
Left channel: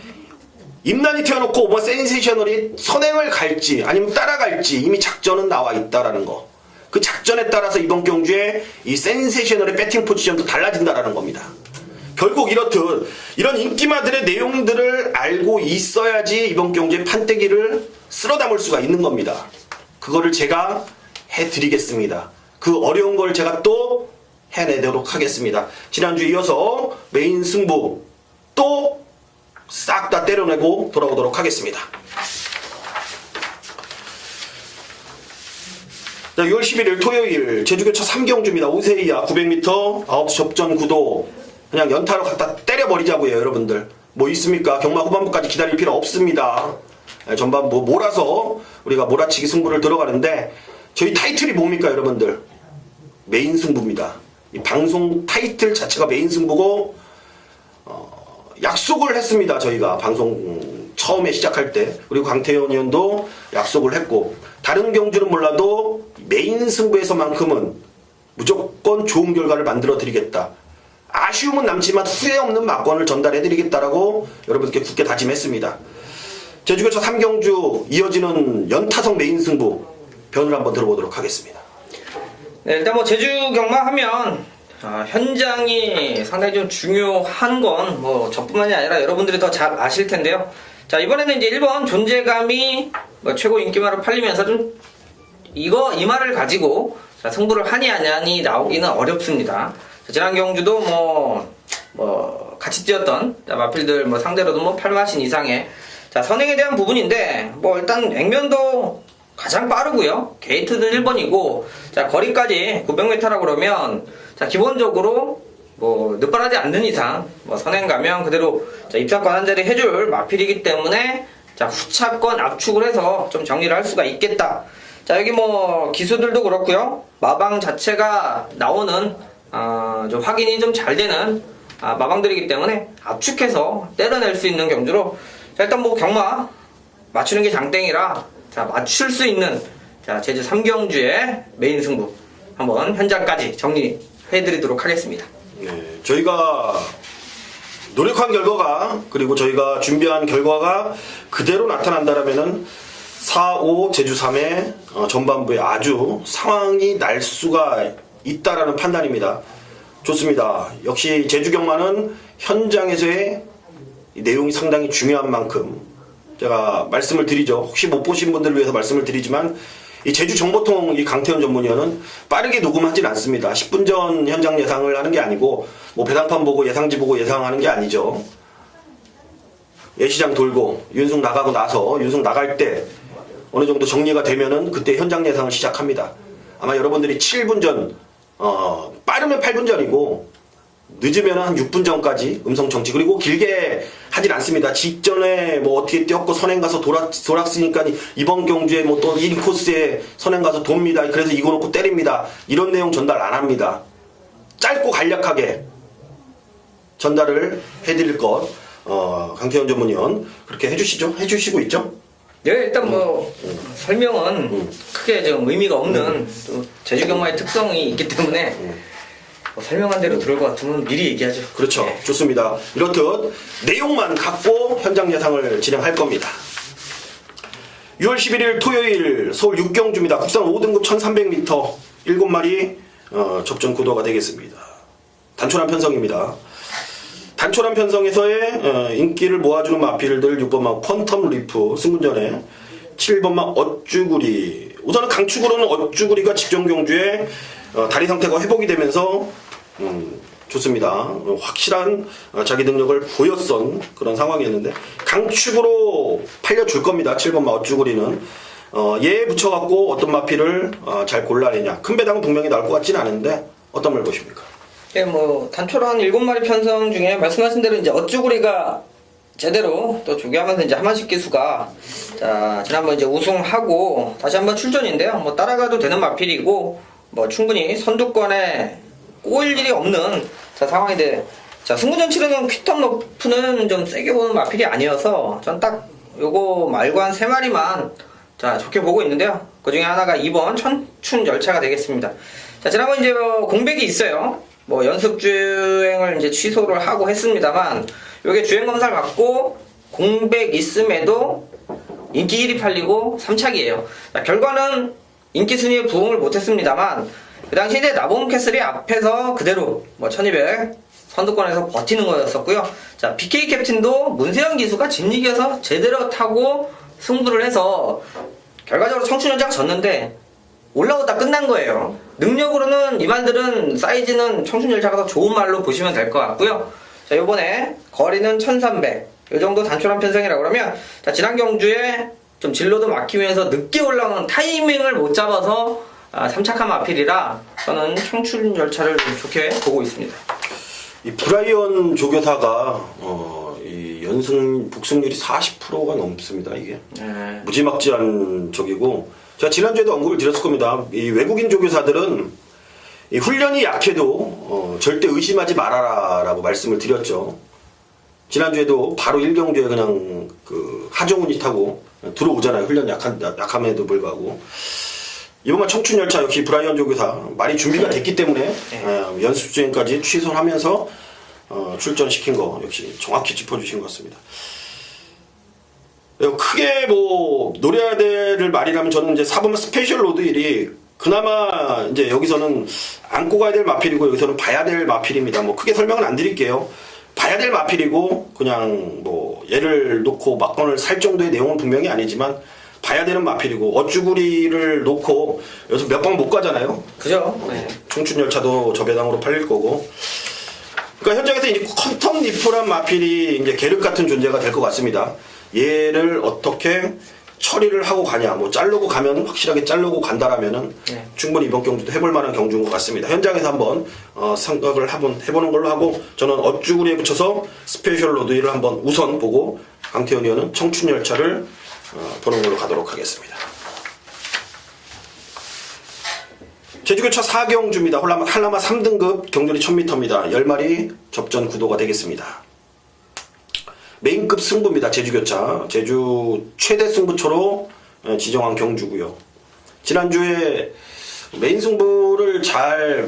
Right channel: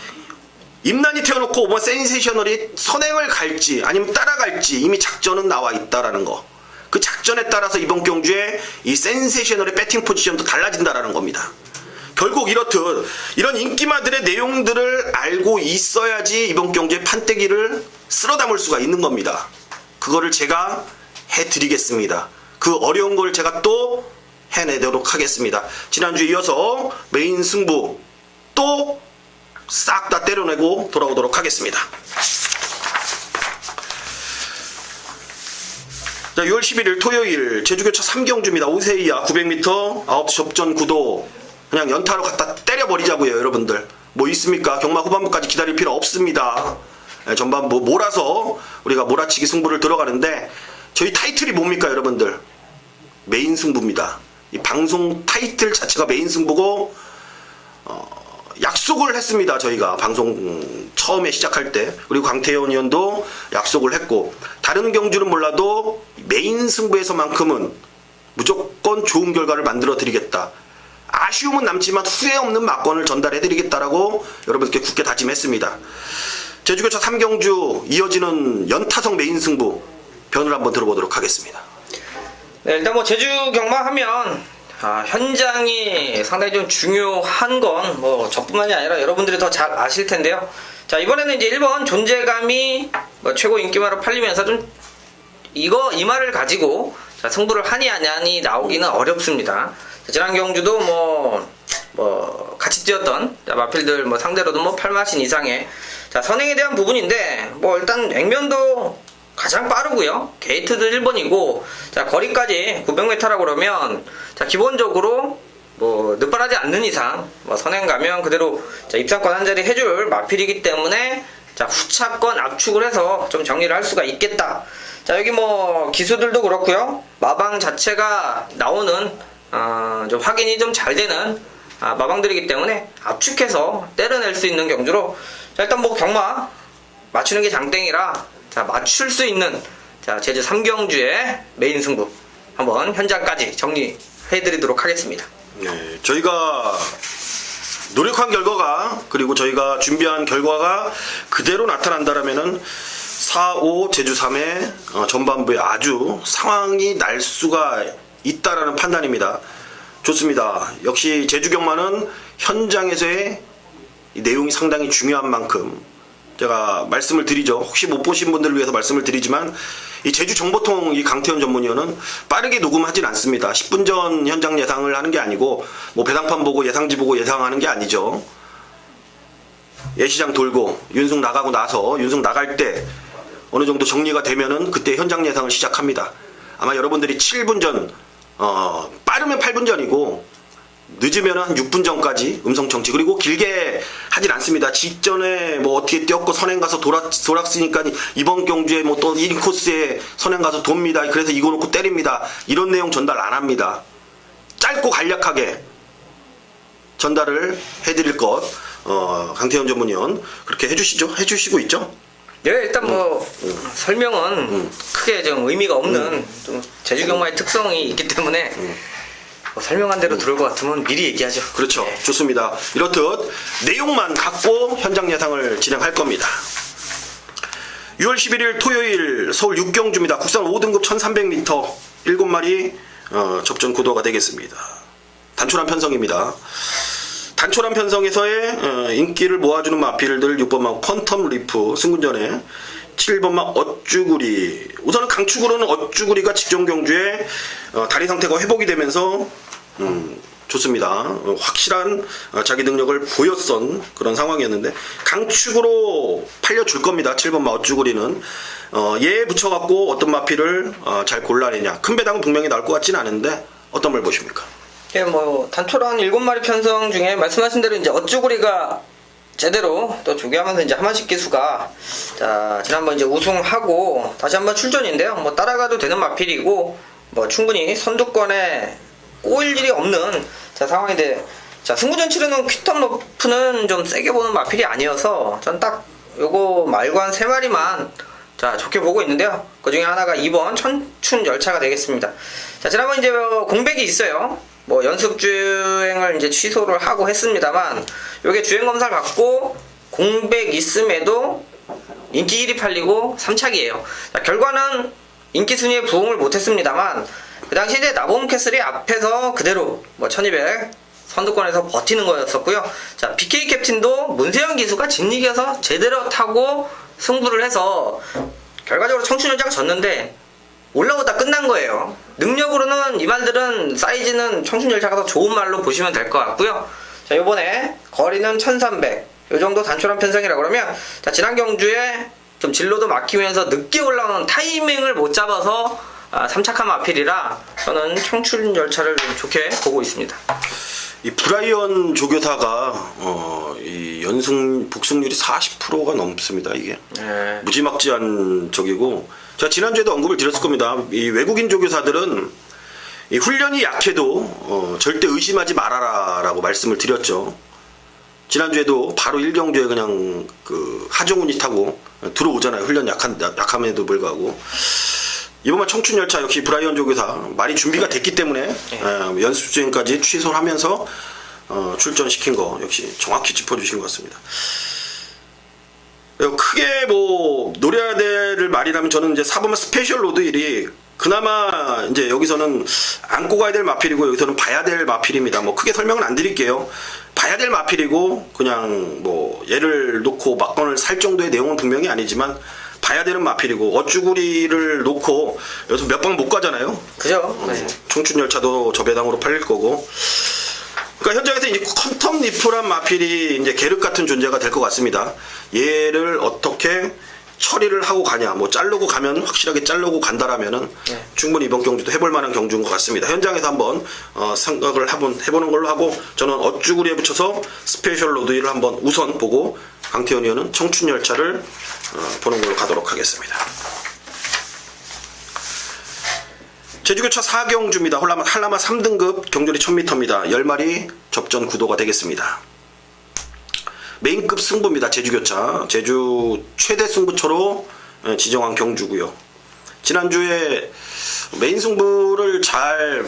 임난이 태워놓고 오마 센세이셔널이 선행을 갈지 아니면 따라갈지 이미 작전은 나와 있다라는 거. 그 작전에 따라서 이번 경주에 이 센세이셔널의 배팅 포지션도 달라진다라는 겁니다. 결국 이렇듯 이런 인기마들의 내용들을 알고 있어야지 이번 경주의 판때기를 쓸어 담을 수가 있는 겁니다. 그거를 제가 해드리겠습니다. 그 어려운 걸 제가 또 해내도록 하겠습니다. 지난주에 이어서 메인 승부 또 싹 다 때려내고 돌아오도록 하겠습니다. 자, 6월 11일 토요일 제주교차 3경주입니다. 오세이야 900m 9시 접전 구도 그냥 연타로 갖다 때려버리자고요, 여러분들. 뭐 있습니까? 경마 후반부까지 기다릴 필요 없습니다. 전반 뭐 몰아서 우리가 몰아치기 승부를 들어가는데 저희 타이틀이 뭡니까, 여러분들? 메인 승부입니다. 이 방송 타이틀 자체가 메인 승부고 약속을 했습니다. 저희가 방송 처음에 시작할 때, 그리고 강태현 의원도 약속을 했고, 다른 경주는 몰라도 메인 승부에서만큼은 무조건 좋은 결과를 만들어 드리겠다. 아쉬움은 남지만 후회 없는 막건을 전달해 드리겠다라고 여러분께 굳게 다짐했습니다. 제주교차 3경주 이어지는 연타석 메인 승부 변을 한번 들어보도록 하겠습니다. 네, 일단 뭐 제주 경마 하면 현장이 상당히 좀 중요한 건 뭐 저뿐만이 아니라 여러분들이 더 잘 아실 텐데요. 자, 이번에는 이제 1번 존재감이 뭐 최고 인기마로 팔리면서 좀 이 말을 가지고 자, 승부를 하니 안 하니 나오기는 어렵습니다. 자, 지난 경주도 뭐 같이 뛰었던 마필들 뭐 상대로도 뭐 8마신 이상의 자, 선행에 대한 부분인데 뭐 일단 액면도 가장 빠르고요. 게이트도 1번이고 자, 거리까지 900m라고 그러면 자, 기본적으로 뭐 늦발하지 않는 이상 뭐 선행 가면 그대로 자, 입상권 한 자리 해줄 마필이기 때문에 자, 후차권 압축을 해서 좀 정리를 할 수가 있겠다. 자, 여기 뭐 기수들도 그렇고요. 마방 자체가 나오는 좀 확인이 좀 잘 되는 마방들이기 때문에 압축해서 때려낼 수 있는 경주로 자, 일단 뭐 경마 맞추는 게 장땡이라 자, 맞출 수 있는 자, 제주 3경주의 메인 승부 한번 현장까지 정리해드리도록 하겠습니다. 네, 저희가 노력한 결과가, 그리고 저희가 준비한 결과가 그대로 나타난다라면은 4, 5 제주 3의 전반부에 아주 상황이 날 수가 있다라는 판단입니다. 좋습니다. 역시 제주 경마는 현장에서의 이 내용이 상당히 중요한 만큼 제가 말씀을 드리죠. 혹시 못 보신 분들을 위해서 말씀을 드리지만 이 제주 정보통 이 강태현 전문위원은 빠르게 녹음하진 않습니다. 10분 전 현장 예상을 하는 게 아니고 뭐 배당판 보고 예상지 보고 예상하는 게 아니죠. 예시장 돌고 윤승 나가고 나서 윤승 나갈 때 어느 정도 정리가 되면은 그때 현장 예상을 시작합니다. 아마 여러분들이 7분 전, 빠르면 8분 전이고 늦으면 한 6분 전까지 음성 청취, 그리고 길게 하진 않습니다. 직전에 뭐 어떻게 뛰었고 선행 가서 돌았으니까 이번 경주에 뭐 또 1코스에 선행 가서 돕니다. 그래서 이거 놓고 때립니다. 이런 내용 전달 안 합니다. 짧고 간략하게 전달을 해드릴 것, 강태현 전문위원 그렇게 해주시죠. 해주시고 있죠. 네, 일단 뭐 설명은 크게 좀 의미가 없는 좀 제주 경마의 특성이 있기 때문에 뭐 설명한 대로 들을 것 같으면 미리 얘기하죠. 그렇죠. 네. 좋습니다. 이렇듯 내용만 갖고 현장 예상을 진행할 겁니다. 6월 11일 토요일 서울 6경주입니다. 국산 5등급 1300m 7마리 접전 구도가 되겠습니다. 단촐한 편성입니다. 단촐한 편성에서의 인기를 모아주는 마필들 6번마 퀀텀 리프 승군전에 7번마 어쭈구리, 우선은 강축으로는 어쭈구리가 직전 경주에 다리 상태가 회복이 되면서 좋습니다. 확실한 자기 능력을 보였던 그런 상황이었는데 강축으로 팔려줄 겁니다. 7번마 어쭈구리는 얘에 붙여갖고 어떤 마필을 잘 골라내냐. 큰 배당은 분명히 나올 것 같지는 않은데 어떤 걸 보십니까? 예, 뭐 단촐한 7마리 편성 중에 말씀하신 대로 이제 어쭈구리가 제대로 또 조교하면서 이제 하만식 기수가 자, 지난번 이제 우승하고 다시 한번 출전인데요. 뭐 따라가도 되는 마필이고 뭐 충분히 선두권에 꼬일 일이 없는 자, 상황인데 자, 승부전 치르는 퀴텀 너프는 좀 세게 보는 마필이 아니어서 전 딱 요거 말고 한 3마리만 자, 좋게 보고 있는데요. 그 중에 하나가 2번 천춘 열차가 되겠습니다. 자, 지난번 이제 공백이 있어요. 뭐 연습 주행을 이제 취소를 하고 했습니다만 요게 주행 검사를 갖고 공백 있음에도 인기 1위 팔리고 3착이에요. 자, 결과는 인기 순위에 부응을 못했습니다만 그 당시 이제 나봄 캐슬이 앞에서 그대로 뭐 1200 선두권에서 버티는 거였었고요. 자, BK 캡틴도 문세영 기수가 진리기어서 제대로 타고 승부를 해서 결과적으로 청춘연자가 졌는데 올라오다 끝난 거예요. 능력으로는 이 말들은 사이즈는 청춘열차가 더 좋은 말로 보시면 될 것 같고요. 자, 요번에 거리는 1300 요 정도 단촐한 편성이라 그러면 자, 지난 경주에 좀 진로도 막히면서 늦게 올라오는 타이밍을 못 잡아서 삼착한 마필이라 저는 청춘 열차를 좀 좋게 보고 있습니다. 이 브라이언 조교사가 이 연승 복승률이 40%가 넘습니다. 이게 네. 무지막지한 적이고, 제가 지난주에도 언급을 드렸을 겁니다. 이 외국인 조교사들은 이 훈련이 약해도 절대 의심하지 말아라라고 말씀을 드렸죠. 지난주에도 바로 1경주에 그냥 그 하정운이 타고 들어오잖아요. 훈련 약함에도 불구하고. 이번만 청춘열차 역시 브라이언 조교사 많이 준비가 됐기 때문에 연습 주행까지 취소를 하면서 출전시킨 거 역시 정확히 짚어주신 것 같습니다. 크게 뭐 노려야 될 말이라면 저는 이제 4번만 스페셜 로드 1이 그나마 이제 여기서는 안고 가야 될 마필이고 여기서는 봐야 될 마필입니다. 뭐 크게 설명은 안 드릴게요. 봐야 될 마필이고 그냥 뭐 얘를 놓고 막건을 살 정도의 내용은 분명히 아니지만 봐야 되는 마필이고, 어쭈구리를 놓고 여기서 몇 방 못 가잖아요. 그죠? 네. 청춘열차도 저 배당으로 팔릴 거고. 그러니까 현장에서 이제 컴텀 니프란 마필이 이제 계륵 같은 존재가 될 것 같습니다. 얘를 어떻게 처리를 하고 가냐, 뭐 자르고 가면 확실하게 자르고 간다라면은 네. 충분히 이번 경주도 해볼 만한 경주인 것 같습니다. 현장에서 한번 생각을 해보는 걸로 하고, 저는 어쭈구리에 붙여서 스페셜 로드를 한번 우선 보고 강태현 의원은 청춘열차를 보는 걸로 가도록 하겠습니다. 제주교차 4경주입니다. 한라마 3등급 경전이 1000m입니다. 10마리 접전 구도가 되겠습니다. 메인급 승부입니다. 제주교차. 제주 최대 승부처로 지정한 경주고요. 지난주에 메인 승부를 잘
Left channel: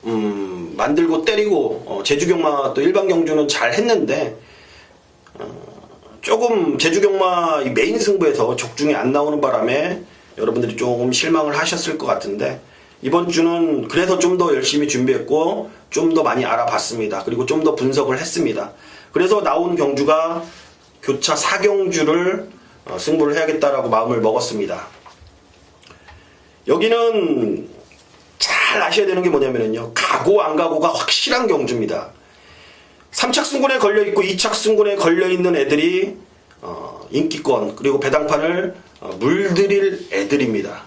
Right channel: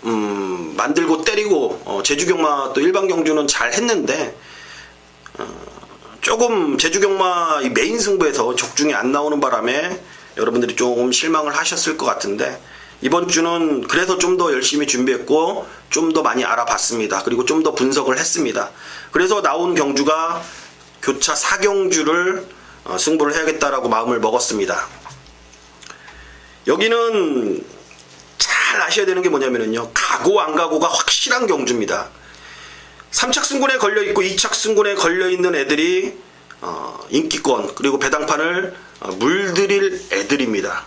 만들고 때리고 제주경마 또 일반 경주는 잘 했는데 조금 제주경마 이 메인 승부에서 적중이 안 나오는 바람에 여러분들이 조금 실망을 하셨을 것 같은데, 이번 주는 그래서 좀 더 열심히 준비했고 좀 더 많이 알아봤습니다. 그리고 좀 더 분석을 했습니다. 그래서 나온 경주가 교차 4경주를 승부를 해야겠다라고 마음을 먹었습니다. 여기는 잘 아셔야 되는 게 뭐냐면요, 가고 안 가고가 확실한 경주입니다. 3착 승군에 걸려있고 2착 승군에 걸려있는 애들이 인기권 그리고 배당판을 물들일 애들입니다.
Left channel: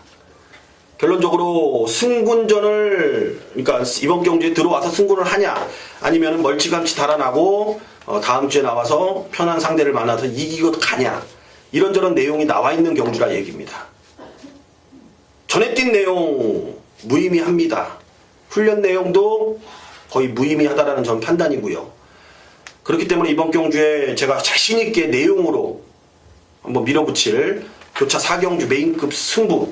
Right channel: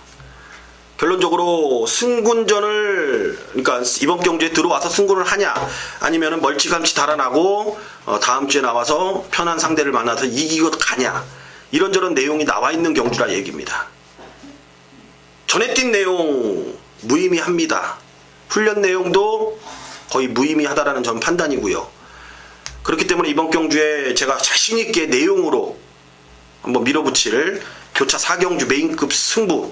결론적으로 승군전을, 그러니까 이번 경주에 들어와서 승군을 하냐, 아니면 멀찌감치 달아나고 다음 주에 나와서 편한 상대를 만나서 이기고 가냐, 이런저런 내용이 나와 있는 경주라 얘기입니다. 전에 뛴 내용 무의미합니다. 훈련 내용도 거의 무의미하다라는 전 판단이고요. 그렇기 때문에 이번 경주에 제가 자신있게 내용으로 한번 밀어붙일 교차 4경주 메인급 승부,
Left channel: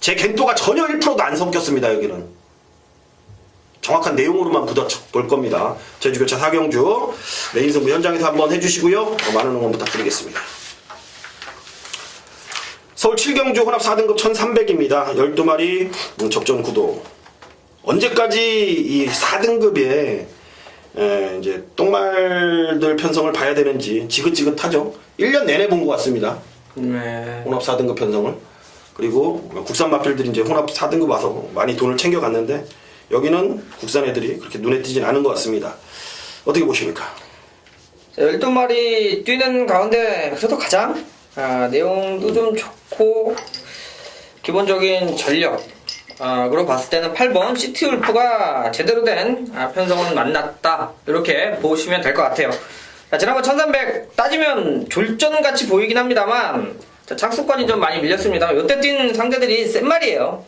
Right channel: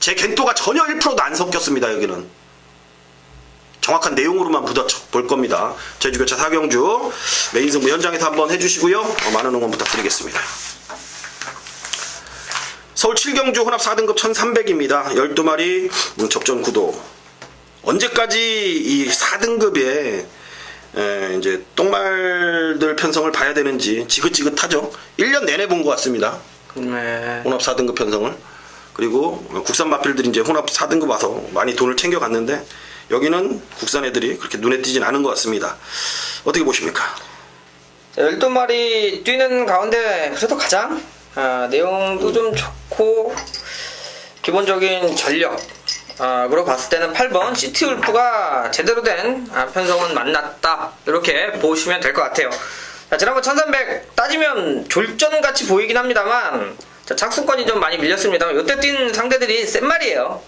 제 갱도가 전혀 1%도 안 섞였습니다. 여기는 정확한 내용으로만 볼 겁니다. 제주교차 4경주 메인 승부 현장에서 한번 해주시고요. 많은 응원 부탁드리겠습니다. 서울 7경주 혼합 4등급 1300입니다. 12마리 접전 구도. 언제까지 이 4등급에 이제 똥말들 편성을 봐야 되는지 지긋지긋하죠. 1년 내내 본 것 같습니다. 네. 혼합 4등급 편성을. 그리고 국산 마필들이 이제 혼합 4등급 와서 많이 돈을 챙겨갔는데, 여기는 국산 애들이 그렇게 눈에 띄진 않은 것 같습니다. 어떻게 보십니까? 12마리 뛰는 가운데 그래도 가장 내용도 좀 좋고 기본적인 전력 그리고 봤을 때는 8번 시티울프가 제대로 된 편성은 만났다, 이렇게 보시면 될 것 같아요. 자, 지난번 1300 따지면 졸전같이 보이긴 합니다만 착수권이 좀 많이 밀렸습니다. 이때 뛴 상대들이 센 말이에요.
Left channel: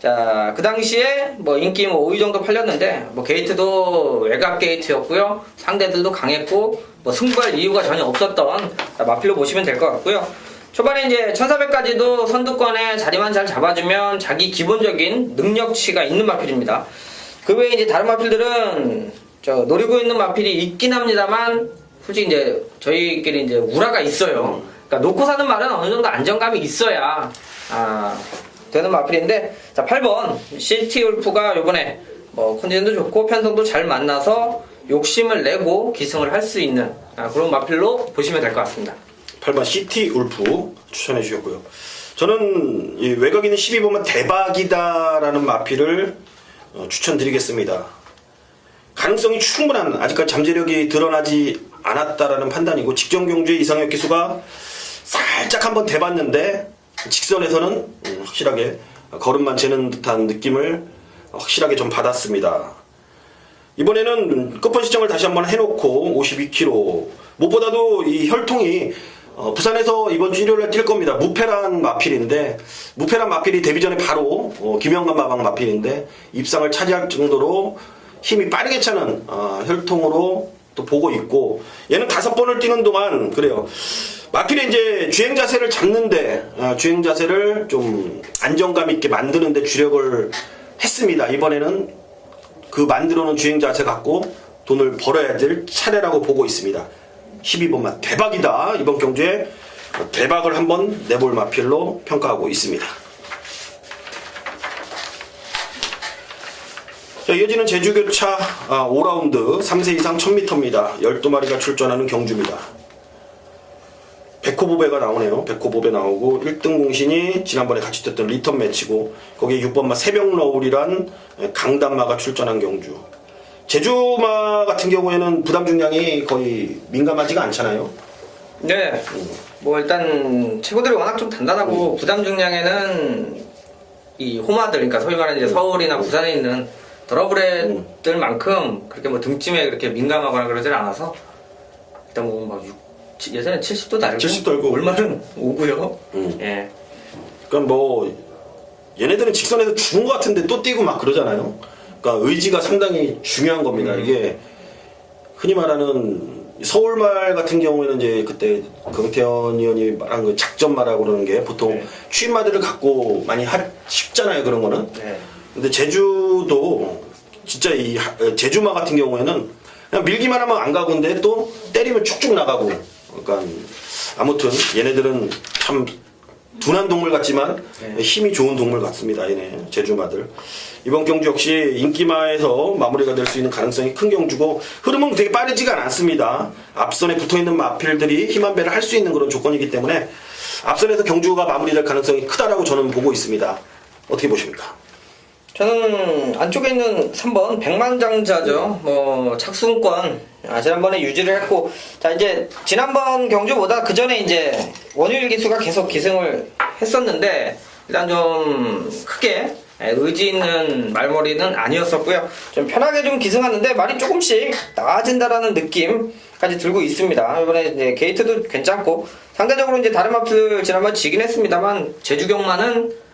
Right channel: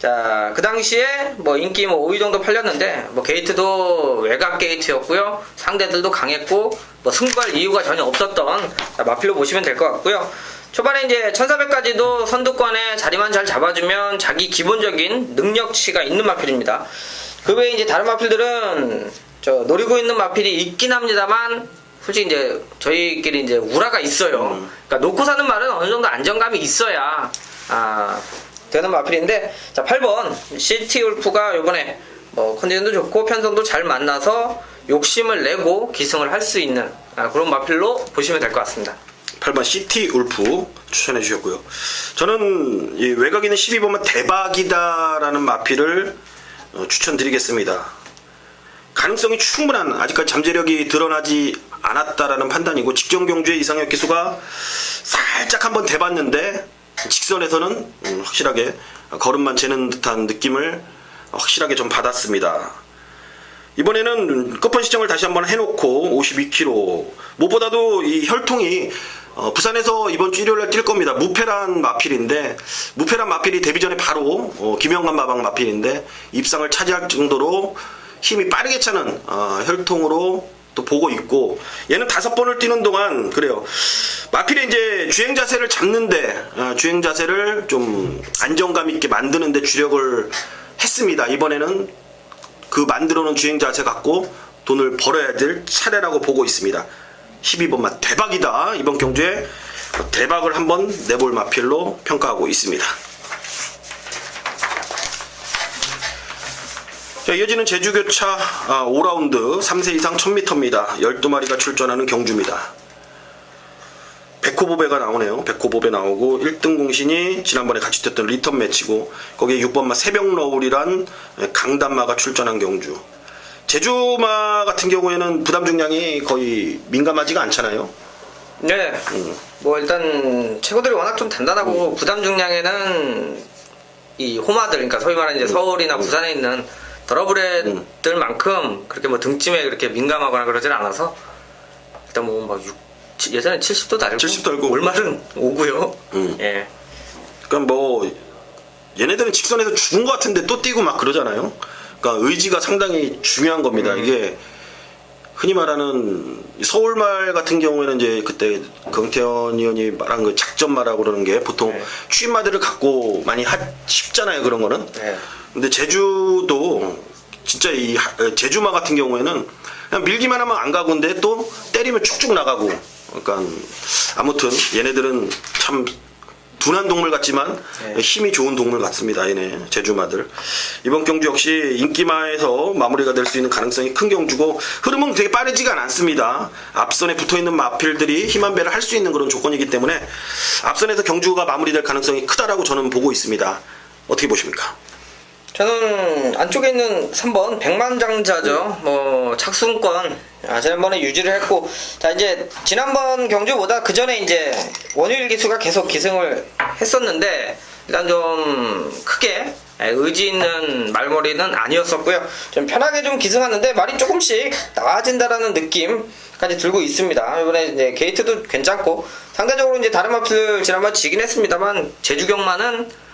자, 그 당시에 뭐 인기 뭐 5위 정도 팔렸는데 뭐 게이트도 외곽 게이트였고요. 상대들도 강했고 뭐 승부할 이유가 전혀 없었던 마필로 보시면 될 것 같고요. 초반에 이제 1400까지도 선두권에 자리만 잘 잡아주면 자기 기본적인 능력치가 있는 마필입니다. 그 외에 이제 다른 마필들은 노리고 있는 마필이 있긴 합니다만, 솔직히 이제 저희끼리 이제 우라가 있어요. 그러니까 놓고 사는 말은 어느 정도 안정감이 있어야 되는 마필인데, 자 8번 시티울프가 요번에 뭐 컨디션도 좋고 편성도 잘 만나서 욕심을 내고 기승을 할 수 있는 그런 마필로 보시면 될 것 같습니다. 8번 시티 울프 추천해 주셨고요. 저는 이 외곽에 있는 12번만 대박이다라는 마필을 추천드리겠습니다. 가능성이 충분한, 아직까지 잠재력이 드러나지 않았다라는 판단이고, 직전 경주의 이상혁 기수가 살짝 한번 대봤는데 직선에서는 확실하게 걸음만 재는 듯한 느낌을 확실하게 좀 받았습니다. 이번에는 끝번 시점을 다시 한번 해놓고 52km. 무엇보다도 이 혈통이 부산에서 이번 주 일요일에 뛸 겁니다. 무페란 마필인데, 무페란 마필이 데뷔 전에 바로 김영관 마방 마필인데 입상을 차지할 정도로 힘이 빠르게 차는 혈통으로 또 보고 있고, 얘는 5번을 뛰는 동안 그래요. 마필이 이제 주행 자세를 잡는데 주행 자세를 좀 안정감 있게 만드는데 주력을 했습니다. 이번에는 그 만들어 놓은 주행 자세 갖고 돈을 벌어야 될 차례라고 보고 있습니다. 12번만 대박이다. 이번 경주에 대박을 한번 내볼 마필로 평가하고 있습니다. 자, 이어지는 제주교차 5라운드 3세 이상 1000m입니다. 12마리가 출전하는 경주입니다. 백호보배가 나오네요. 백호보배 나오고 1등 공신이 지난번에 같이 뛰었던 리턴 매치고, 거기에 6번마 새벽너울이란 강단마가 출전한 경주. 제주마 같은 경우에는 부담 중량이 거의 민감하지가 않잖아요. 네. 뭐 일단 체구들이 워낙 좀 단단하고 부담 중량에는 이 호마들, 그러니까 소위 말하는 이제 서울이나 부산에 있는 더러브레들만큼 그렇게 뭐 등짐에 그렇게 민감하거나 그러질 않아서 일단 뭐 막 예전에 70도 달고 70 달고. 올마는 오고요. 예. 그러니까 뭐 얘네들은 직선에서 죽은 것 같은데 또 뛰고 막 그러잖아요. 그러니까 의지가 상당히 중요한 겁니다. 이게 흔히 말하는 서울말 같은 경우에는 이제 그때 강태현 의원이 말한 그 작전마라고 그러는 게 보통 네. 취임마들을 갖고 많이 쉽잖아요. 그런 거는. 네. 근데 제주도 진짜 이 제주마 같은 경우에는 그냥 밀기만 하면 안 가고인데 또 때리면 쭉쭉 나가고. 그러니까 아무튼 얘네들은 참 둔한 동물 같지만 네. 힘이 좋은 동물 같습니다. 얘네 제주마들. 이번 경주 역시 인기마에서 마무리가 될 수 있는 가능성이 큰 경주고, 흐름은 되게 빠르지가 않습니다. 앞선에 붙어있는 마필들이 힘 한 배를 할 수 있는 그런 조건이기 때문에 앞선에서 경주가 마무리될 가능성이 크다라고 저는 보고 있습니다. 어떻게 보십니까? 저는 안쪽에 있는 3번 백만장자죠. 뭐 착순권 지난번에 유지를 했고, 자 이제 지난번 경주보다 그 전에 이제 원유일 기수가 계속 기승을 했었는데 일단 좀 크게 의지 있는 말머리는 아니었었고요. 좀 편하게 좀 기승하는데 말이 조금씩 나아진다라는 느낌까지 들고 있습니다. 이번에 이제 게이트도 괜찮고 상대적으로 이제 다른 마필 지난번 지긴 했습니다만 제주경마는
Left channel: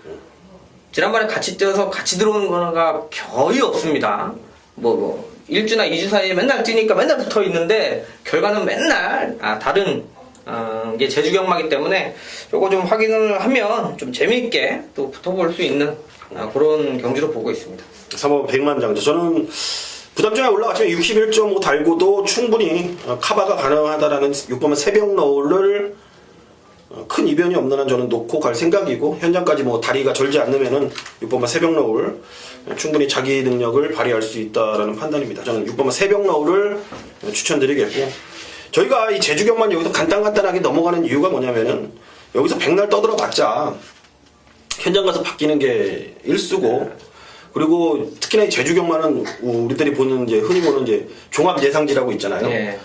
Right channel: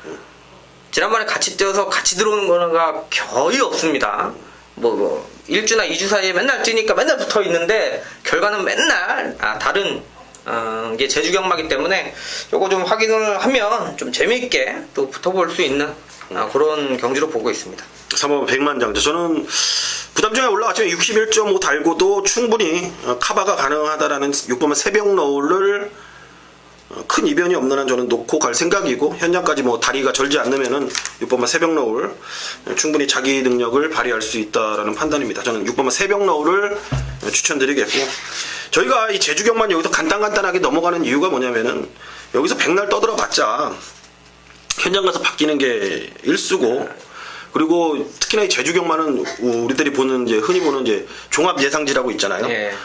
지난번에 같이 뛰어서 같이 들어오는 거가 거의 없습니다. 뭐 1주나 2주 사이에 맨날 뛰니까 맨날 붙어 있는데 결과는 맨날 다른 이게 제주경마기 때문에 요거 좀 확인을 하면 좀 재미있게 또 붙어볼 수 있는 그런 경주로 보고 있습니다. 3번 백만장자. 저는 부담중에 올라갔지만 61.5 달고도 충분히 카바가 가능하다라는 6번만 새벽너울을 큰 이변이 없는 한 저는 놓고 갈 생각이고, 현장까지 뭐 다리가 절지 않으면은 6번만 새벽너울 충분히 자기 능력을 발휘할 수 있다라는 판단입니다. 저는 6번만 새벽너울을 추천드리겠고, 저희가 이 제주경만 여기서 간단하게 넘어가는 이유가 뭐냐면은 여기서 백날 떠들어 봤자 현장 가서 바뀌는 게 일수고, 그리고 특히나 이 제주경마는 우리들이 보는 이제 흔히 보는 이제 종합 예상지라고 있잖아요. 네.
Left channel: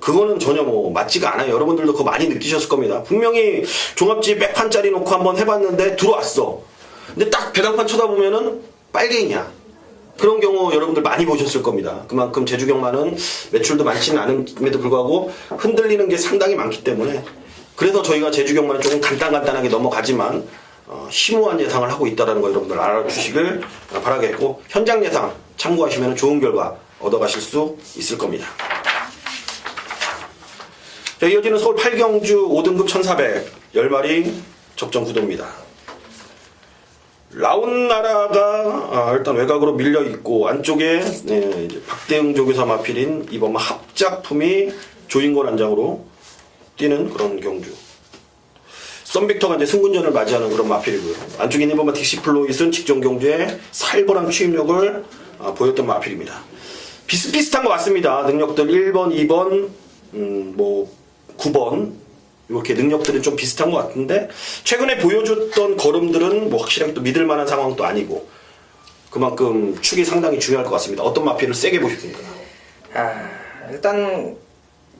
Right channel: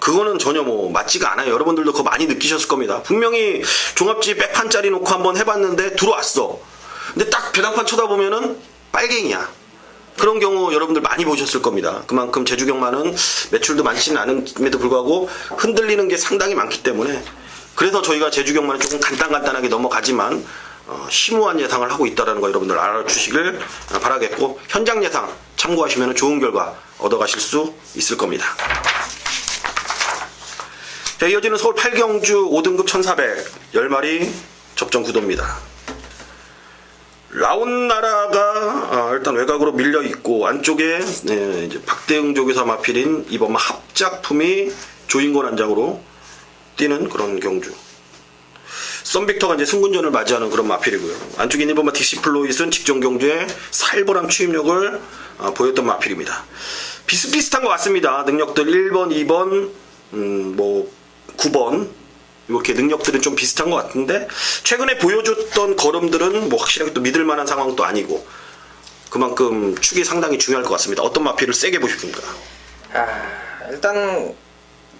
그거는 전혀 뭐 맞지가 않아요. 여러분들도 그거 많이 느끼셨을 겁니다. 분명히 종합지 백판짜리 놓고 한번 해봤는데 들어왔어. 근데 딱 배당판 쳐다보면은 빨갱이야. 그런 경우 여러분들 많이 보셨을 겁니다. 그만큼 제주경마는 매출도 많지는 않음에도 불구하고 흔들리는 게 상당히 많기 때문에, 그래서 저희가 제주경마는 조금 간단하게 넘어가지만 심오한 예상을 하고 있다는 거 여러분들 알아주시길 바라겠고, 현장 예상 참고하시면 좋은 결과 얻어가실 수 있을 겁니다. 자, 이어지는 서울 8경주 5등급 1400 10마리 접전 구도입니다. 라운나라가 일단 외곽으로 밀려 있고, 안쪽에 이제 박대응 조교사 마필인 이번 합작품이 조인권 안장으로 뛰는 그런 경주. 썬빅터가 이제 승군전을 맞이하는 그런 마필이고요. 안쪽에 있는 이번 딕시플로잇은 직전 경주에 살벌한 추임력을 보였던 마필입니다. 비슷비슷한 것 같습니다. 능력들 1번, 2번, 뭐 9번 이렇게 능력들은 좀 비슷한 것 같은데, 최근에 보여줬던 걸음들은 뭐 확실하게 또 믿을 만한 상황도 아니고, 그만큼 축이 상당히 중요할 것 같습니다. 어떤 마필을 세게 보십니까? 일단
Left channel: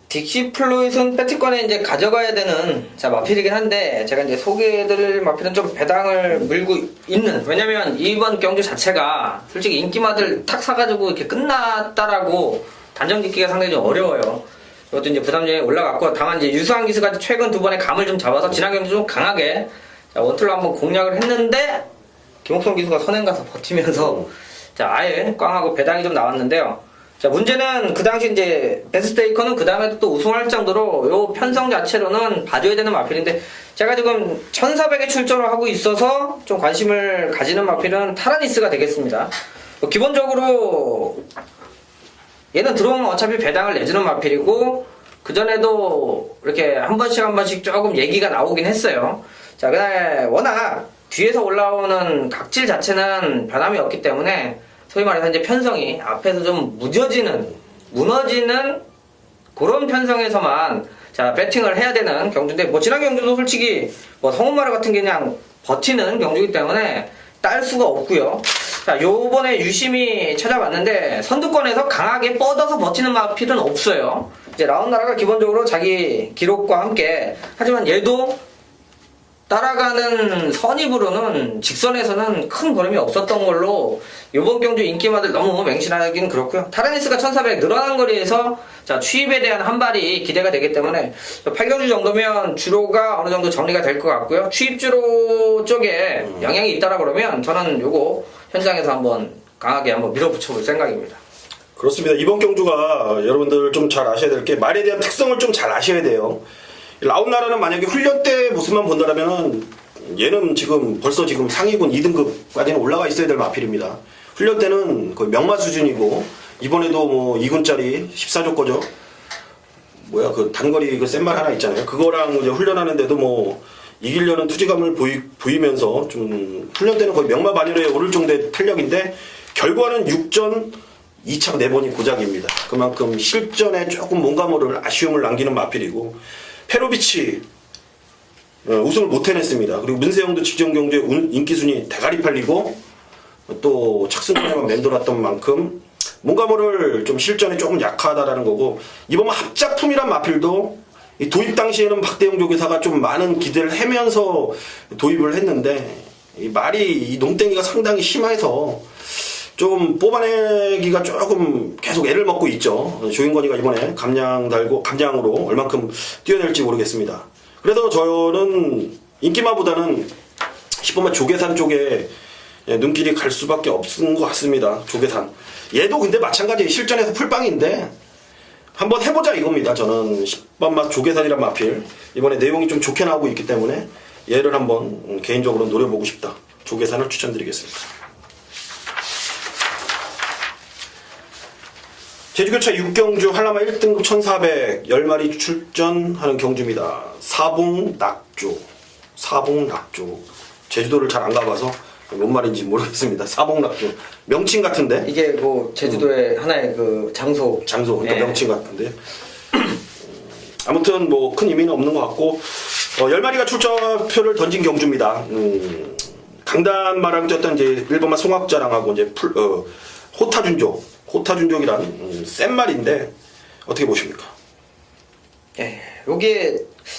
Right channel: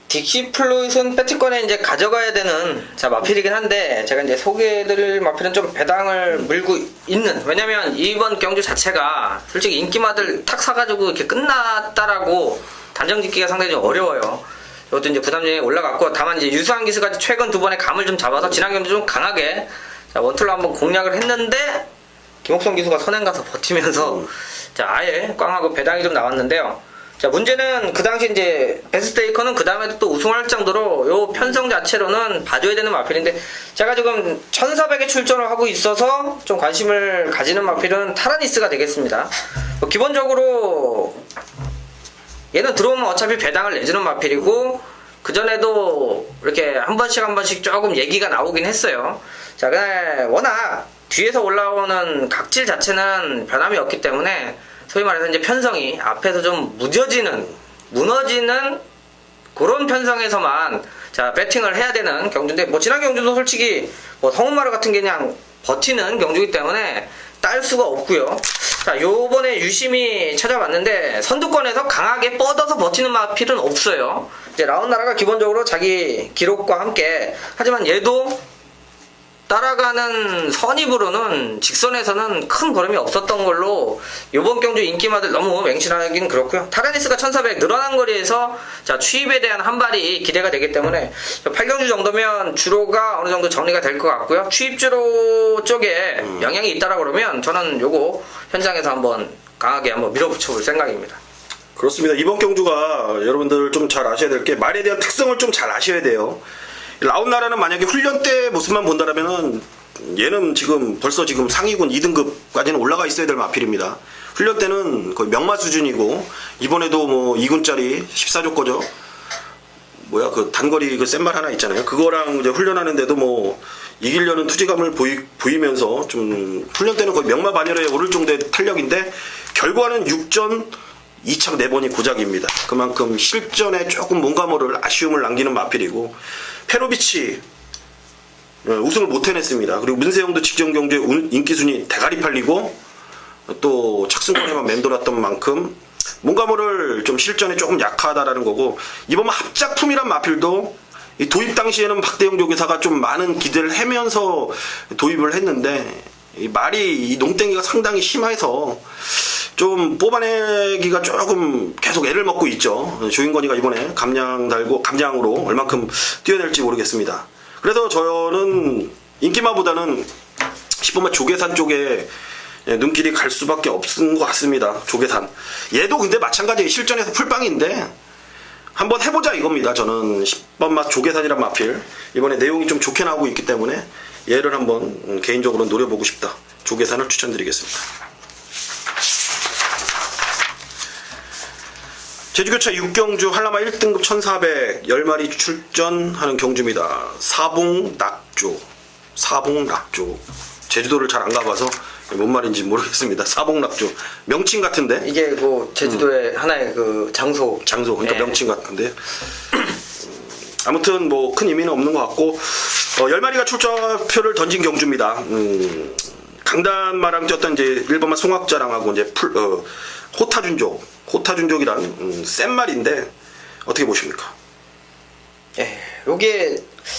딕시 플루잇은 배트권에 이제 가져가야 되는 자 마필이긴 한데 제가 이제 소개해드릴 마필은 좀 배당을 물고 있는, 왜냐면 이번 경주 자체가 솔직히 인기마들 탁 사가지고 이렇게 끝났다라고 단정 짓기가 상당히 좀 어려워요. 저것도 이제 부담점이 올라갔고, 다만 이제 유수한 기수가 최근 두 번의 감을 좀 잡아서 지난 경주 좀 강하게 자 원툴로 한번 공략을 했는데 김옥성 기수가 선행 가서 버티면서 자 아예 꽝하고 배당이 좀 나왔는데요. 자 문제는 그 당시 이제 베스트테이커는 그 다음에도 또 우승할 정도로 요 편성 자체로는 봐줘야 되는 마필인데, 제가 지금 1400에 출전을 하고 있어서 좀 관심을 가지는 마필은 타라니스가 되겠습니다. 기본적으로 얘는 들어오면 어차피 배당을 내주는 마필이고, 그전에도 이렇게 한 번씩 조금 얘기가 나오긴 했어요. 자 근데 워낙 뒤에서 올라오는 각질 자체는 변함이 없기 때문에 소위 말해서 이제 편성이 앞에서 좀 무너지는 그런 편성에서만 자 배팅을 해야 되는 경주인데, 뭐 지난 경주도 솔직히 뭐 성운마루 같은 게 그냥 버티는 경주이기 때문에 딸 수가 없고요. 자 요번에 유심히 찾아봤는데 선두권에서 강하게 뻗어서 버티는 마필은 없어요. 이제 라운나라가 기본적으로 자기 기록과 함께, 하지만 얘도 따라가는 선입으로는 직선에서는 큰 걸음이 없었던 걸로 이번 경주 인기마들 너무 맹신하긴 그렇고요. 타라니스가 1400 늘어난 거리에서 자 추입에 대한 한 발이 기대가 되기 때문에 8경주 정도면 주로가 어느 정도 정리가 될 것 같고요. 추입주로 쪽에 영향이 있다라 그러면 저는 요거 현장에서 한번 강하게 한번 밀어붙여 볼 생각입니다. 그렇습니다. 이번 경주가 여러분들 좀 잘 아셔야 될 게 말에 대한 특성을 좀 잘 아셔야 돼요. 라운나라는 만약에 훈련 때 모습만 본다라면은 얘는 벌써 상위군 2등급까지는 올라가 있어야 될 마필입니다. 훈련 때는 거의 명마 수준이고, 이번에도 뭐 2군짜리 14조 거죠. 뭐야 그 단거리 그 센말 하나 있잖아요. 그거랑 이제 훈련하는데도 뭐 이기려는 투지감을 보이면서 좀 훈련 때는 거의 명마 반열에 오를 정도의 탄력인데, 결과는 6전 2착 4번이 고작입니다. 그만큼 실전에 조금 뭔가 모를 아쉬움을 남기는 마필이고, 페로비치 우승을 못 해냈습니다. 그리고 문세영도 직전 경주에 인기순위 대가리 팔리고 또 착승권에만 맴돌았던 만큼 뭔가 모를 좀 실전에 조금 약하다라는 거고, 이번 합작품이란 마필도 이 도입 당시에는 박대영 조교사가 좀 많은 기대를 하면서 도입을 했는데, 이 말이 이 농땡이가 상당히 심해서 좀 뽑아내기가 조금 계속 애를 먹고 있죠. 조인권이가 이번에 감량으로 얼만큼 뛰어낼지 모르겠습니다. 그래서 저는 인기마보다는 10번마 조계산 쪽에 눈길이 갈 수밖에 없은 것 같습니다. 조계산. 얘도 근데 마찬가지 실전에서 풀빵인데 한번 해보자 이겁니다. 저는 10번마 조계산이란 마필 이번에 내용이 좀 좋게 나오고 있기 때문에 얘를 한번 개인적으로 노려보고 싶다. 조계산을 추천드리겠습니다. 제주교차 6경주 한라마 1등급 1400 10마리 출전하는 경주입니다. 사봉낙조. 제주도를 잘 안 가봐서 뭔 말인지 모르겠습니다. 사봉낙조. 명칭 같은데? 이게 뭐 제주도의 하나의 그 장소. 그러니까 네. 명칭 같은데. 아무튼 뭐 큰 의미는 없는 것 같고, 10마리가 출전표를 던진 경주입니다. 강단마랑 뛰었던 이제 1번마 송악자랑하고 이제 호타준족이란 센 말인데 어떻게 보십니까? 예, 요게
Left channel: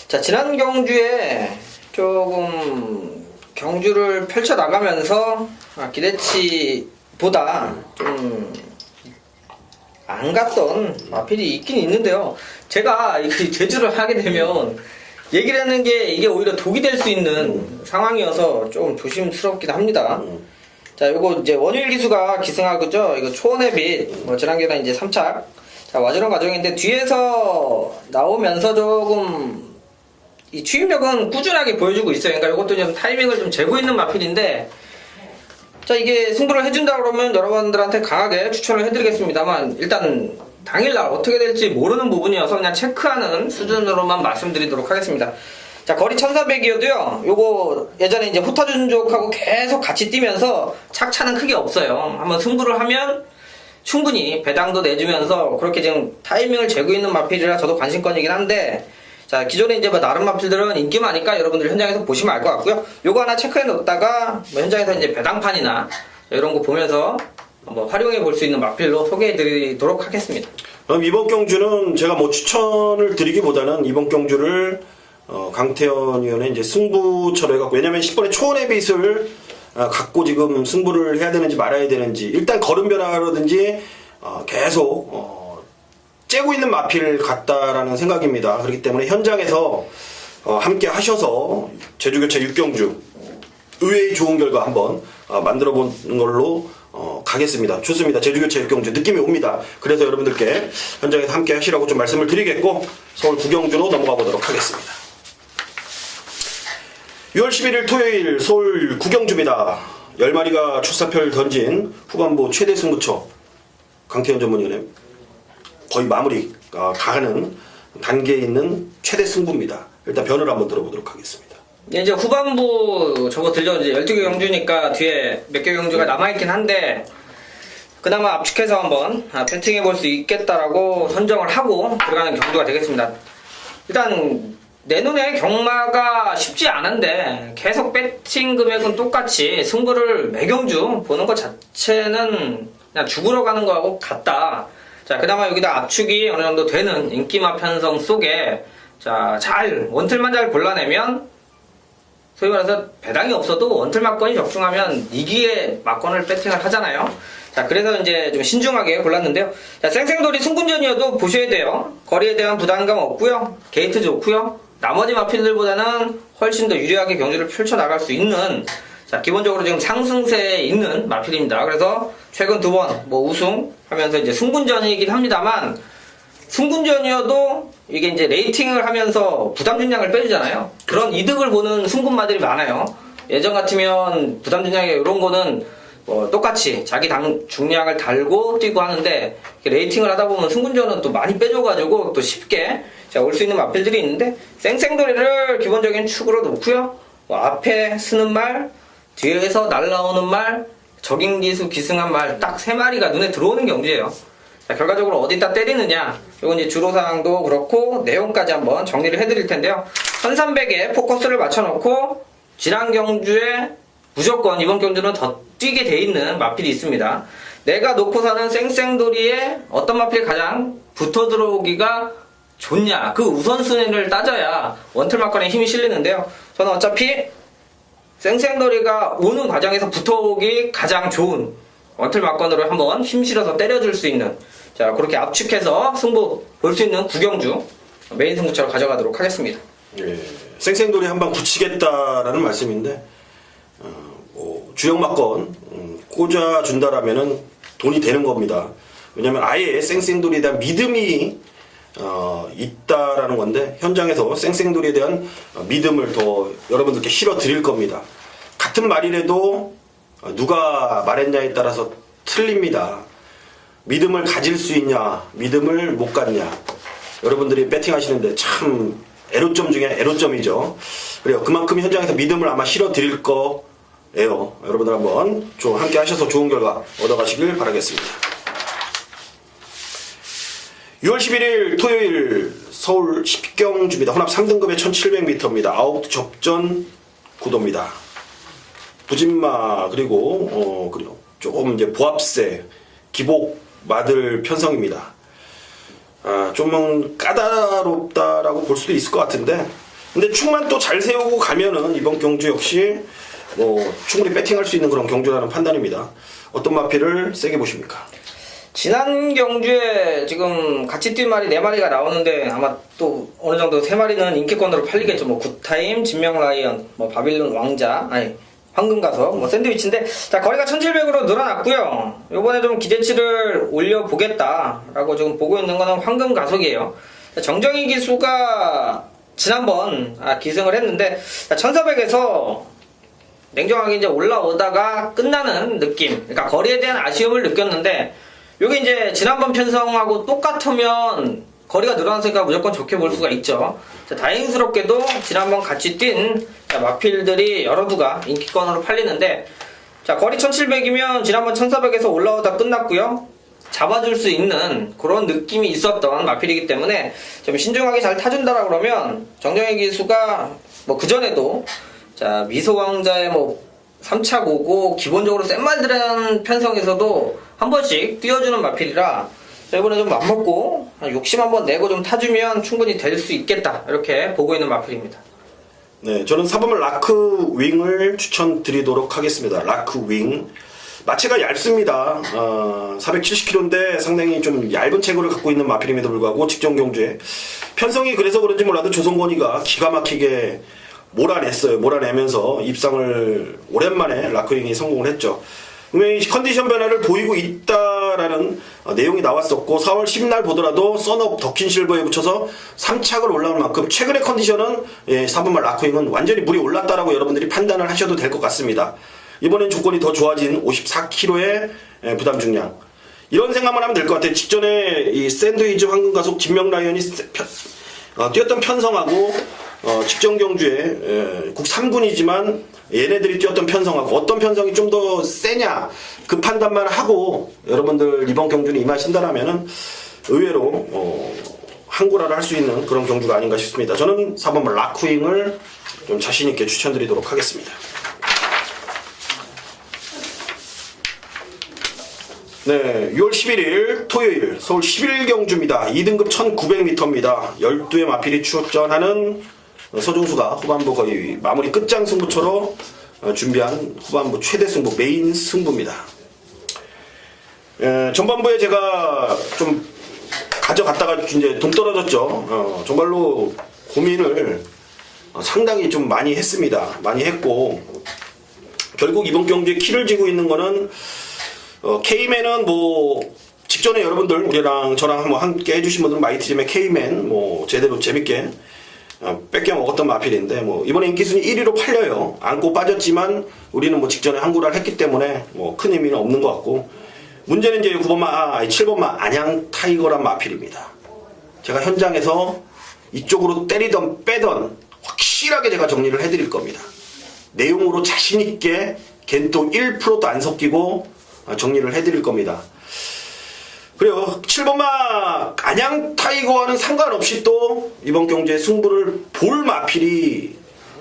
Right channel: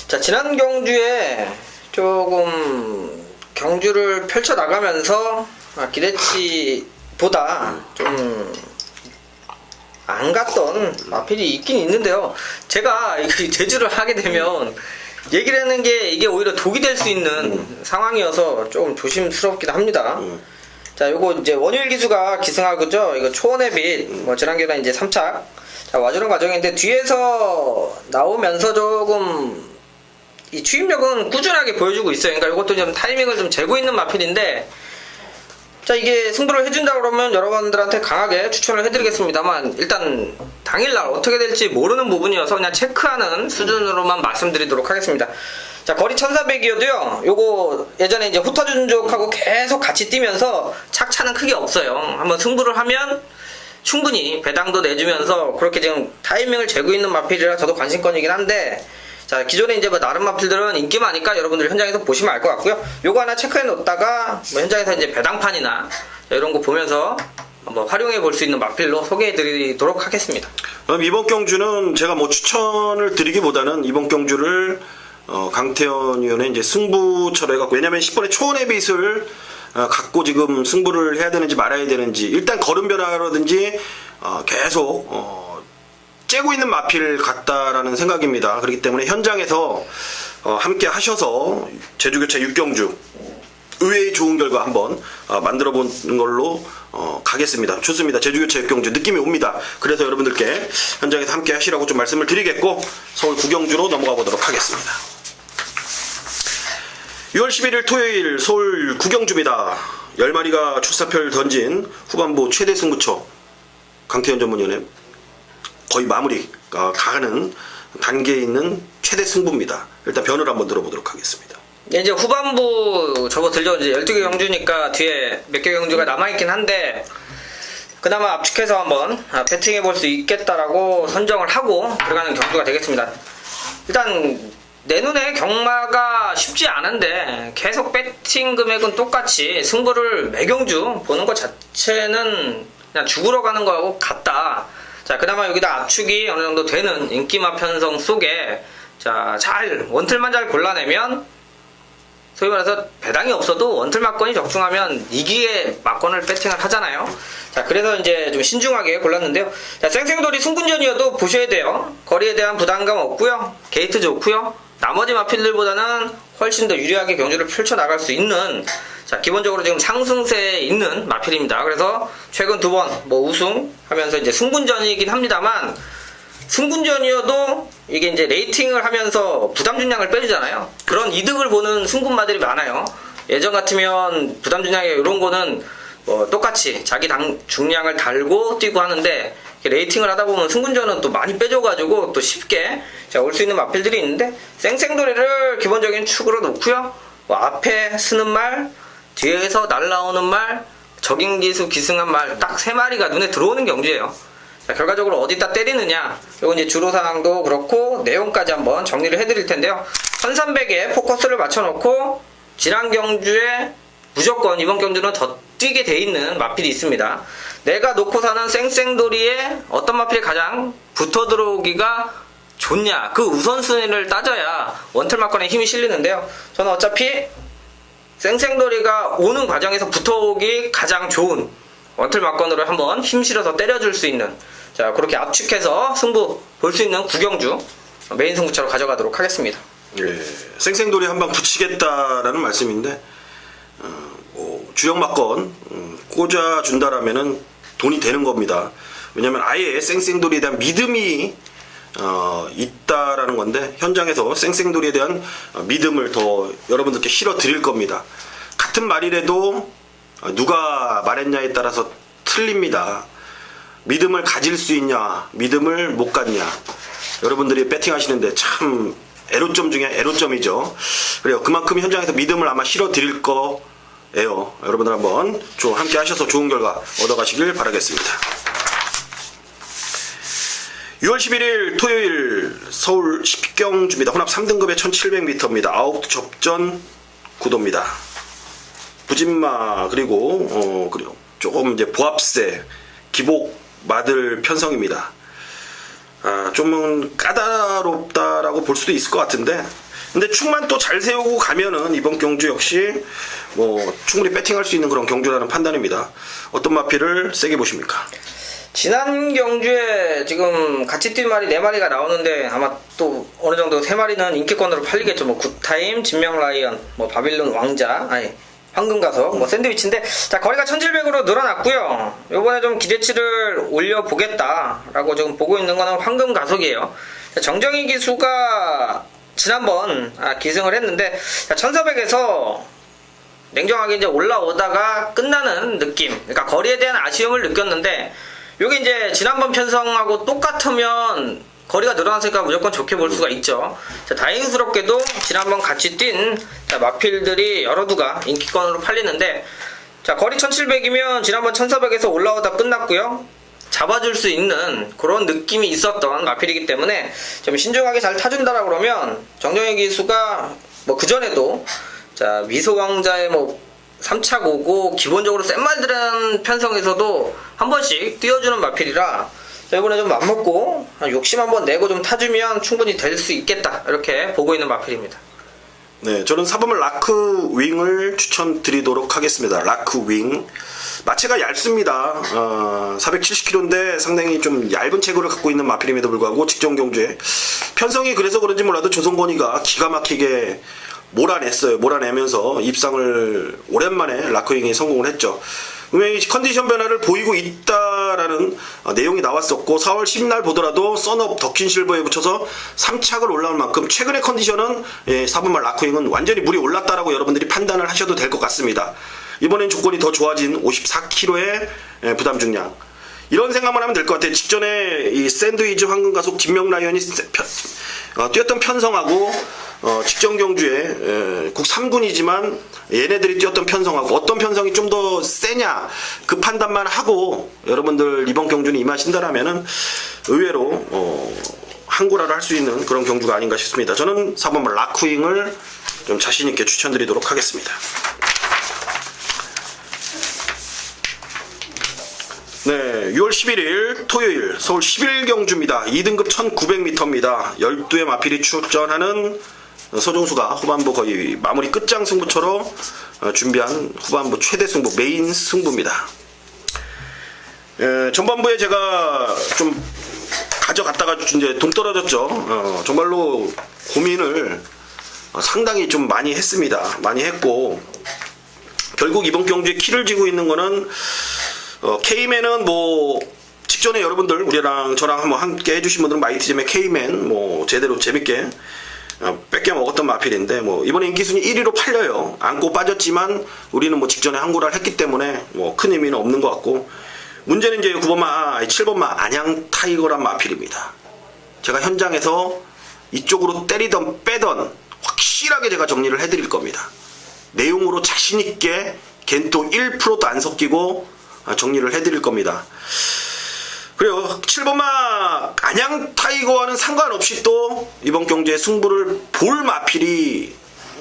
자 지난 경주에 조금 경주를 펼쳐 나가면서 기대치보다 좀 안 갔던 마필이 있긴 있는데요. 제가 제주를 하게 되면 얘기를 하는 게 이게 오히려 독이 될 수 있는 상황이어서 조금 조심스럽기도 합니다. 자, 요거 이제 원효일 기수가 기승하고죠. 이거 초원의 빛, 뭐 지난겨에 이제 3착 자 와주는 과정인데, 뒤에서 나오면서 조금 이 추임력은 꾸준하게 보여주고 있어요. 그러니까 이것도 좀 타이밍을 좀 재고 있는 마필인데, 자 이게 승부를 해준다 그러면 여러분들한테 강하게 추천을 해드리겠습니다만, 일단 당일날 어떻게 될지 모르는 부분이어서 그냥 체크하는 수준으로만 말씀드리도록 하겠습니다. 자 거리 1400이어도요, 요거 예전에 이제 호타준족하고 계속 같이 뛰면서 착차는 크게 없어요. 한번 승부를 하면 충분히 배당도 내주면서 그렇게 지금 타이밍을 재고 있는 마필이라 저도 관심권이긴 한데, 자 기존에 이제 뭐 다른 마필들은 인기 많으니까 여러분들 현장에서 보시면 알 것 같고요. 요거 하나 체크해 놓다가 뭐 현장에서 이제 배당판이나 이런 거 보면서 한번 활용해 볼 수 있는 마필로 소개해 드리도록 하겠습니다. 그럼 이번 경주는 제가 뭐 추천을 드리기보다는 이번 경주를 강태현 위원의 이제 승부처로 해갖고, 왜냐면 10번의 초원의 빛을 갖고 지금 승부를 해야 되는지 말아야 되는지, 일단 걸음 변화라든지 계속 째고 있는 마필 같다라는 생각입니다. 그렇기 때문에 현장에서 함께 하셔서 제주교체 6경주 의외의 좋은 결과 한번 만들어 보는 걸로 가겠습니다. 좋습니다. 제주교체 6경주 느낌이 옵니다. 그래서 여러분들께 현장에서 함께 하시라고 좀 말씀을 드리겠고, 서울 9경주로 넘어가 보도록 하겠습니다. 6월 11일 토요일 서울 9경주입니다. 10마리가 출사표를 던진 후반부 최대 승부처 강태현 전문위원회 거의 마무리가 가는 단계에 있는 최대 승부입니다. 일단 변을 한번 들어보도록 하겠습니다. 네, 이제 후반부 접어들려 이제 12개 경주니까 뒤에 몇 개 경주가 남아있긴 한데, 그나마 압축해서 한번 배팅해 볼 수 있겠다라고 선정을 하고 들어가는 경주가 되겠습니다. 일단 내 눈에 경마가 쉽지 않은데 계속 배팅 금액은 똑같이 승부를 매경주 보는 것 자체는 그냥 죽으러 가는 거하고 같다. 자, 그나마 여기다 압축이 어느 정도 되는 인기마 편성 속에 잘 원틀만 잘 골라내면, 소위 말해서 배당이 없어도 원틀 막건이 적중하면 이기에 막건을 배팅을 하잖아요. 자, 그래서 이제 좀 신중하게 골랐는데요. 자, 쌩쌩돌이 승군전이어도 보셔야 돼요. 거리에 대한 부담감 없고요. 게이트 좋고요. 나머지 마필들보다는 훨씬 더 유리하게 경주를 펼쳐나갈 수 있는, 자, 기본적으로 지금 상승세에 있는 마필입니다. 그래서 최근 2번 뭐 우승하면서 이제 승군전이긴 합니다만, 승군전이어도 이게 이제 레이팅을 하면서 부담 중량을 빼주잖아요. 그런 이득을 보는 승군마들이 많아요. 예전 같으면 부담 중량에 이런 거는 뭐 똑같이 자기 당 중량을 달고 뛰고 하는데, 레이팅을 하다 보면 승군전은 또 많이 빼줘가지고 또 쉽게 올 수 있는 마필들이 있는데, 쌩쌩돌이를 기본적인 축으로 놓고요. 뭐 앞에 쓰는 말, 뒤에서 날라오는 말, 적인기수 기승한 말, 딱 3마리가 눈에 들어오는 경주예요. 자, 결과적으로 어디다 때리느냐, 그리고 이제 주로사항도 그렇고 내용까지 한번 정리를 해드릴 텐데요. 1300에 포커스를 맞춰놓고 지난 경주에 무조건 이번 경주는 더 뛰게 돼 있는 마필이 있습니다. 내가 놓고서는 쌩쌩돌이에 어떤 마필이 가장 붙어 들어오기가 좋냐, 그 우선순위를 따져야 원틀 막건에 힘이 실리는데요. 저는 어차피 쌩쌩돌이가 오는 과정에서 붙어오기 가장 좋은 원틀 막건으로 한번 힘 실어서 때려줄 수 있는, 자, 그렇게 압축해서 승부 볼 수 있는 9경주 메인 승부처로 가져가도록 하겠습니다. 예, 쌩쌩돌이 한방 붙이겠다라는 말씀인데, 뭐 주력 막건 꽂아준다라면은 돈이 되는 겁니다. 왜냐면 아예 쌩쌩돌이에 대한 믿음이 있다라는 건데, 현장에서 쌩쌩돌이에 대한 믿음을 더 여러분들께 실어 드릴 겁니다. 같은 말이라도 누가 말했냐에 따라서 틀립니다. 믿음을 가질 수 있냐, 믿음을 못 갖냐, 여러분들이 배팅 하시는데 참 애로점 중에 애로점이죠. 그래요. 그만큼 현장에서 믿음을 아마 실어 드릴 거예요. 여러분들 한번 함께 하셔서 좋은 결과 얻어가시길 바라겠습니다. 6월 11일 토요일 서울 10경주입니다. 혼합 3등급의 1700m입니다. 아웃 접전 구도입니다. 부진마 그리고 조금 이제 보합세 기복 마들 편성입니다. 좀 까다롭다라고 볼 수도 있을 것 같은데, 근데 축만 또 잘 세우고 가면은 이번 경주 역시 뭐 충분히 배팅할 수 있는 그런 경주라는 판단입니다. 어떤 마필을 세게 보십니까? 지난 경주에 지금 같이 뛴 말이 4마리가 나오는데 아마 또 어느 정도 3마리는 인기권으로 팔리겠죠. 뭐 굿타임, 진명라이언, 뭐 바빌론 왕자, 황금가석, 뭐 샌드위치인데, 자, 거리가 1700으로 늘어났고요. 요번에 좀 기대치를 올려보겠다라고 지금 보고 있는 거는 황금가석이에요. 정정희 기수가 지난번 기승을 했는데, 1400에서 냉정하게 이제 올라오다가 끝나는 느낌, 그러니까 거리에 대한 아쉬움을 느꼈는데, 요게 이제 지난번 편성하고 똑같으면 거리가 늘어났으니까 무조건 좋게 볼 수가 있죠. 자, 다행스럽게도 지난번 같이 뛴 마필들이 여러 두가 인기권으로 팔리는데, 자, 거리 1700이면 지난번 1400에서 올라오다 끝났고요. 잡아줄 수 있는 그런 느낌이 있었던 마필이기 때문에 좀 신중하게 잘 타준다라 그러면 정정희 기수가 뭐 그전에도 자, 미소왕자의 뭐 3차 고고 기본적으로 센 말들은 편성에서도 한 번씩 띄워주는 마필이라 자, 이번에 좀 맘먹고 욕심 한번 내고 좀 타주면 충분히 될 수 있겠다 이렇게 보고 있는 마필입니다. 네, 저는 4번말 라크 윙을 추천드리도록 하겠습니다. 라크 윙. 마체가 얇습니다. 470kg인데 상당히 좀 얇은 체구를 갖고 있는 마필임에도 불구하고 직전 경주에 편성이 그래서 그런지 몰라도 조성건이가 기가 막히게 몰아냈어요. 몰아내면서 입상을 오랜만에 라크윙이 성공을 했죠. 분명히 컨디션 변화를 보이고 있다라는 내용이 나왔었고 4월 10날 보더라도 썬업 더킨 실버에 붙여서 3착을 올라올 만큼 최근의 컨디션은 4번말 라크윙은 완전히 물이 올랐다라고 여러분들이 판단을 하셔도 될 것 같습니다. 이번엔 조건이 더 좋아진 54kg의 부담 중량. 이런 생각만 하면 될 것 같아요. 직전에 이 샌드위치 황금가속 진명라이언이 뛰었던 편성하고 직전 경주에 국 3군이지만 얘네들이 뛰었던 편성하고 어떤 편성이 좀 더 세냐 그 판단만 하고 여러분들 이번 경주는 임하신다라면은 의외로 항구라를 할 수 있는 그런 경주가 아닌가 싶습니다. 저는 4번말 라크윙을 좀 자신있게 추천드리도록 하겠습니다. 네, 6월 11일 토요일 서울 11경주입니다. 2등급 1900m입니다. 12의 마필이 출전하는 서종수가 후반부 거의 마무리 끝장 승부처럼 준비한 후반부 최대 승부 메인 승부입니다. 전반부에 제가 좀 가져갔다가 이제 동떨어졌죠. 정말로 고민을 상당히 좀 많이 했습니다. 많이 했고 결국 이번 경주에 키를 쥐고 있는 거는 K맨은 뭐 직전에 여러분들 우리랑 저랑 한번 함께 해주신 분들은 마이티즘의 K맨 뭐 제대로 재밌게 뺏겨 먹었던 마필인데 뭐 이번에 인기순위 1위로 팔려요. 안고 빠졌지만 우리는 뭐 직전에 항구를 했기 때문에 뭐 큰 의미는 없는 것 같고 문제는 이제 7번마 안양 타이거란 마필입니다. 제가 현장에서 이쪽으로 때리던 빼던 확실하게 제가 정리를 해드릴 겁니다. 내용으로 자신있게 걘또 1%도 안 섞이고 정리를 해드릴 겁니다. 그래요. 7번마 안양 타이거와는 상관없이 또 이번 경주에 승부를 볼 마필이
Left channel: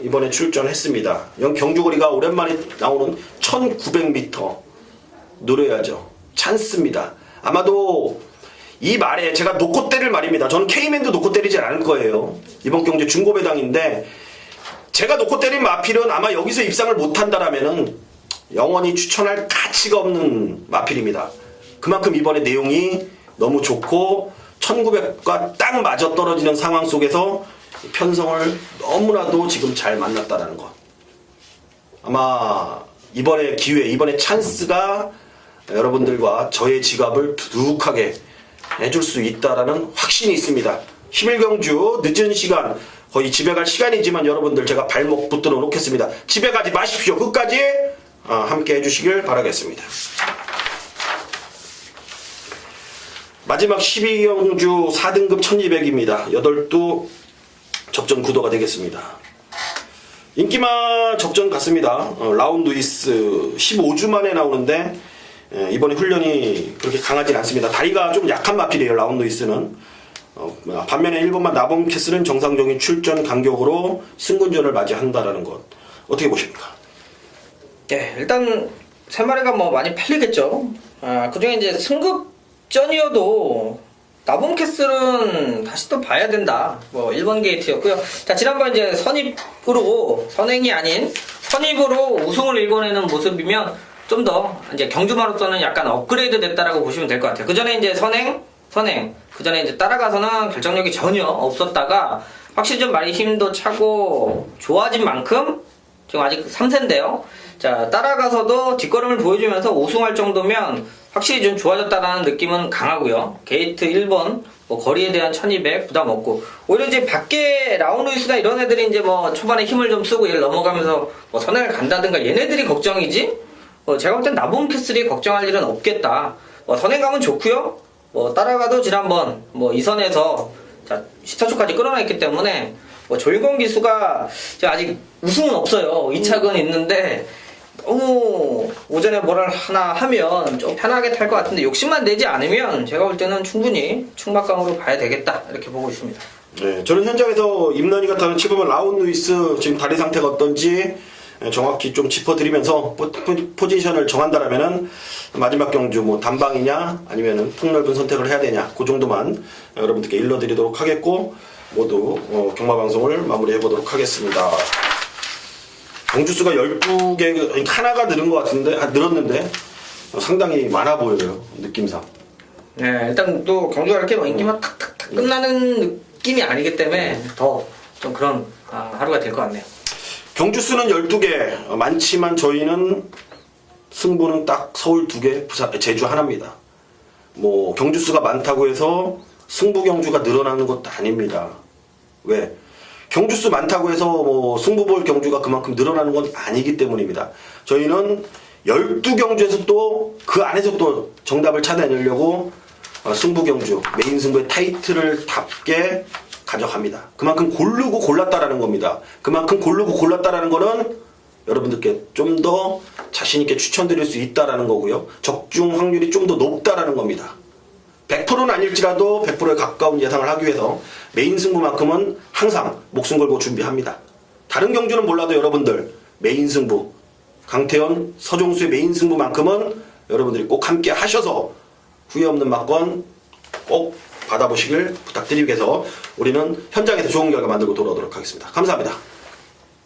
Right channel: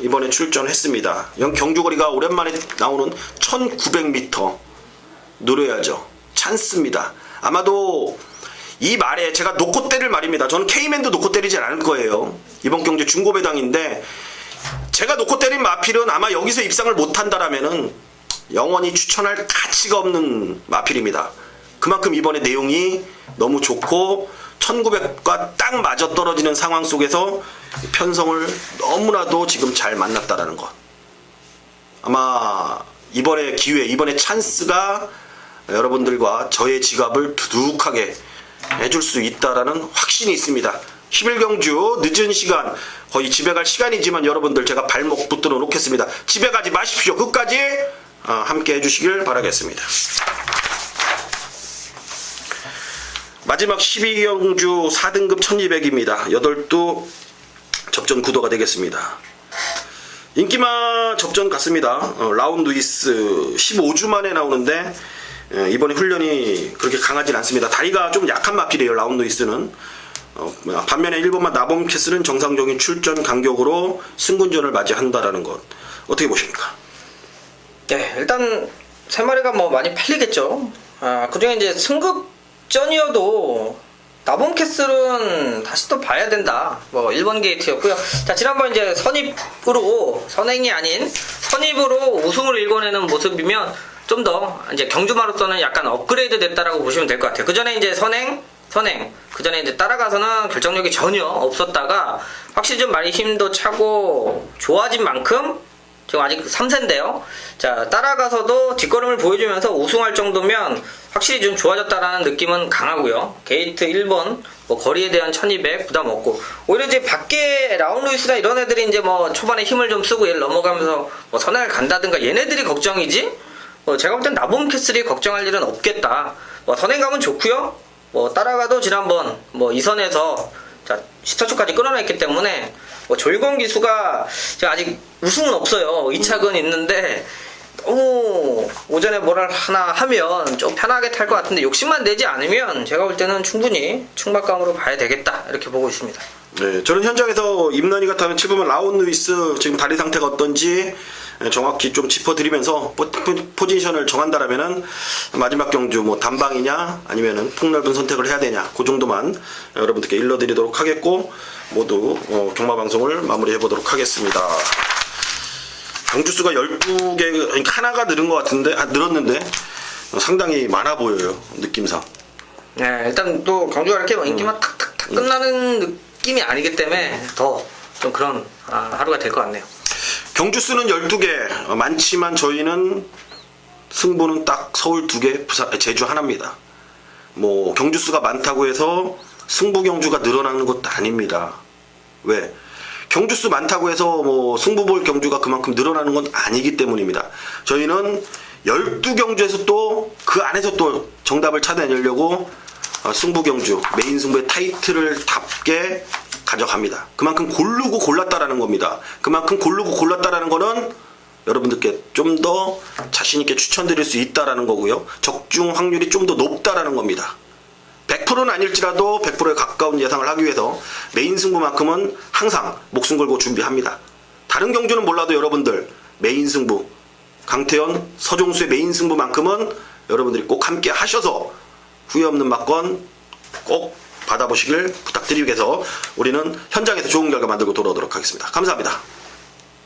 이번에 출전했습니다. 경주거리가 오랜만에 나오는 1900m 노려야죠. 찬스입니다. 아마도 이 말에 제가 놓고 때릴 말입니다. 저는 K맨도 놓고 때리지 않을 거예요. 이번 경주 중고배당인데 제가 놓고 때린 마필은 아마 여기서 입상을 못한다라면은 영원히 추천할 가치가 없는 마필입니다. 그만큼 이번에 내용이 너무 좋고 1900과 딱 맞아 떨어지는 상황 속에서 편성을 너무나도 지금 잘 만났다라는 것. 아마 이번에 기회, 이번에 찬스가 여러분들과 저의 지갑을 두둑하게 해줄 수 있다라는 확신이 있습니다. 11경주 늦은 시간 거의 집에 갈 시간이지만 여러분들 제가 발목 붙들어 놓겠습니다. 집에 가지 마십시오. 끝까지 함께 해주시길 바라겠습니다. 마지막 12경주 4등급 1200입니다. 8도 접전 구도가 되겠습니다. 인기마 접전 같습니다. 라운드이스 15주 만에 나오는데 이번에 훈련이 그렇게 강하진 않습니다. 다리가 좀 약한 마필이에요. 라운드이스는. 반면에 1번만 나범캐슬은 정상적인 출전 간격으로 승군전을 맞이한다라는 것 어떻게 보십니까? 네, 일단 세 마리가 뭐 많이 팔리겠죠. 그중에 이제 승급전이어도 나봄캐슬은 다시 또 봐야 된다. 뭐 1번 게이트였고요. 자, 지난번 이제 선행이 아닌 선입으로 우승을 일궈내는 모습이면 좀 더 이제 경주마로서는 약간 업그레이드 됐다라고 보시면 될 것 같아요. 그 전에 이제 선행 그 전에 이제 따라가서는 결정력이 전혀 없었다가 확실히 좀 많이 힘도 차고 좋아진 만큼 지금 아직 3세인데요. 자, 따라가서도 뒷걸음을 보여주면서 우승할 정도면 확실히 좀 좋아졌다라는 느낌은 강하고요. 게이트 1번 뭐 거리에 대한 1200 부담 없고 오히려 이제 밖에 라운루이스나 이런 애들이 이제 뭐 초반에 힘을 좀 쓰고 얘를 넘어가면서 뭐 선행을 간다든가 얘네들이 걱정이지. 제가 볼 땐 나봄캐슬이 걱정할 일은 없겠다. 선행 가면 좋고요. 따라가도 지난번 2선에서 자, 10타초까지 끌어냈기 때문에 조일권 기수가 제가 아직 우승은 없어요. 2착은 있는데 너무 오전에 뭐를 하나 하면 좀 편하게 탈 것 같은데 욕심만 내지 않으면 제가 볼 때는 충분히 충박감으로 봐야 되겠다 이렇게 보고 있습니다. 네, 저는 현장에서 임런이 같다면 7번만 라운루이스 지금 다리 상태가 어떤지 정확히 좀 짚어드리면서 포지션을 정한다라면은 마지막 경주 뭐 단방이냐 아니면은 폭넓은 선택을 해야 되냐 그 정도만 여러분들께 일러드리도록 하겠고 모두 경마 방송을 마무리해 보도록 하겠습니다. 경주수가 12개 하나가 늘은 것 같은데 늘었는데 상당히 많아 보여요 느낌상. 네, 일단 또 경주가 이렇게 인기만 탁탁탁 끝나는 느낌이 아니기 때문에 더 좀 그런 하루가 될 것 같네요. 경주수는 12개 많지만 저희는 승부는 딱 서울 2개, 부산, 제주 하나입니다. 뭐 경주수가 많다고 해서 승부 경주가 늘어나는 것도 아닙니다. 왜? 경주수 많다고 해서 뭐 승부 볼 경주가 그만큼 늘어나는 건 아니기 때문입니다. 저희는 12경주에서 또 그 안에서 또 정답을 찾아내려고 승부 경주, 메인 승부의 타이틀을 답게 가져갑니다. 그만큼 고르고 골랐다라는 겁니다. 그만큼 고르고 골랐다라는 거는 여러분들께 좀 더 자신있게 추천드릴 수 있다라는 거고요. 적중 확률이 좀 더 높다라는 겁니다. 100%는 아닐지라도 100%에 가까운 예상을 하기 위해서 메인 승부만큼은 항상 목숨 걸고 준비합니다. 다른 경주는 몰라도 여러분들 메인 승부, 강태현, 서종수의 메인 승부만큼은 여러분들이 꼭 함께 하셔서 후회 없는 막건 꼭 받아보시길 부탁드리기 위해서 우리는 현장에서 좋은 결과 만들고 돌아오도록 하겠습니다. 감사합니다.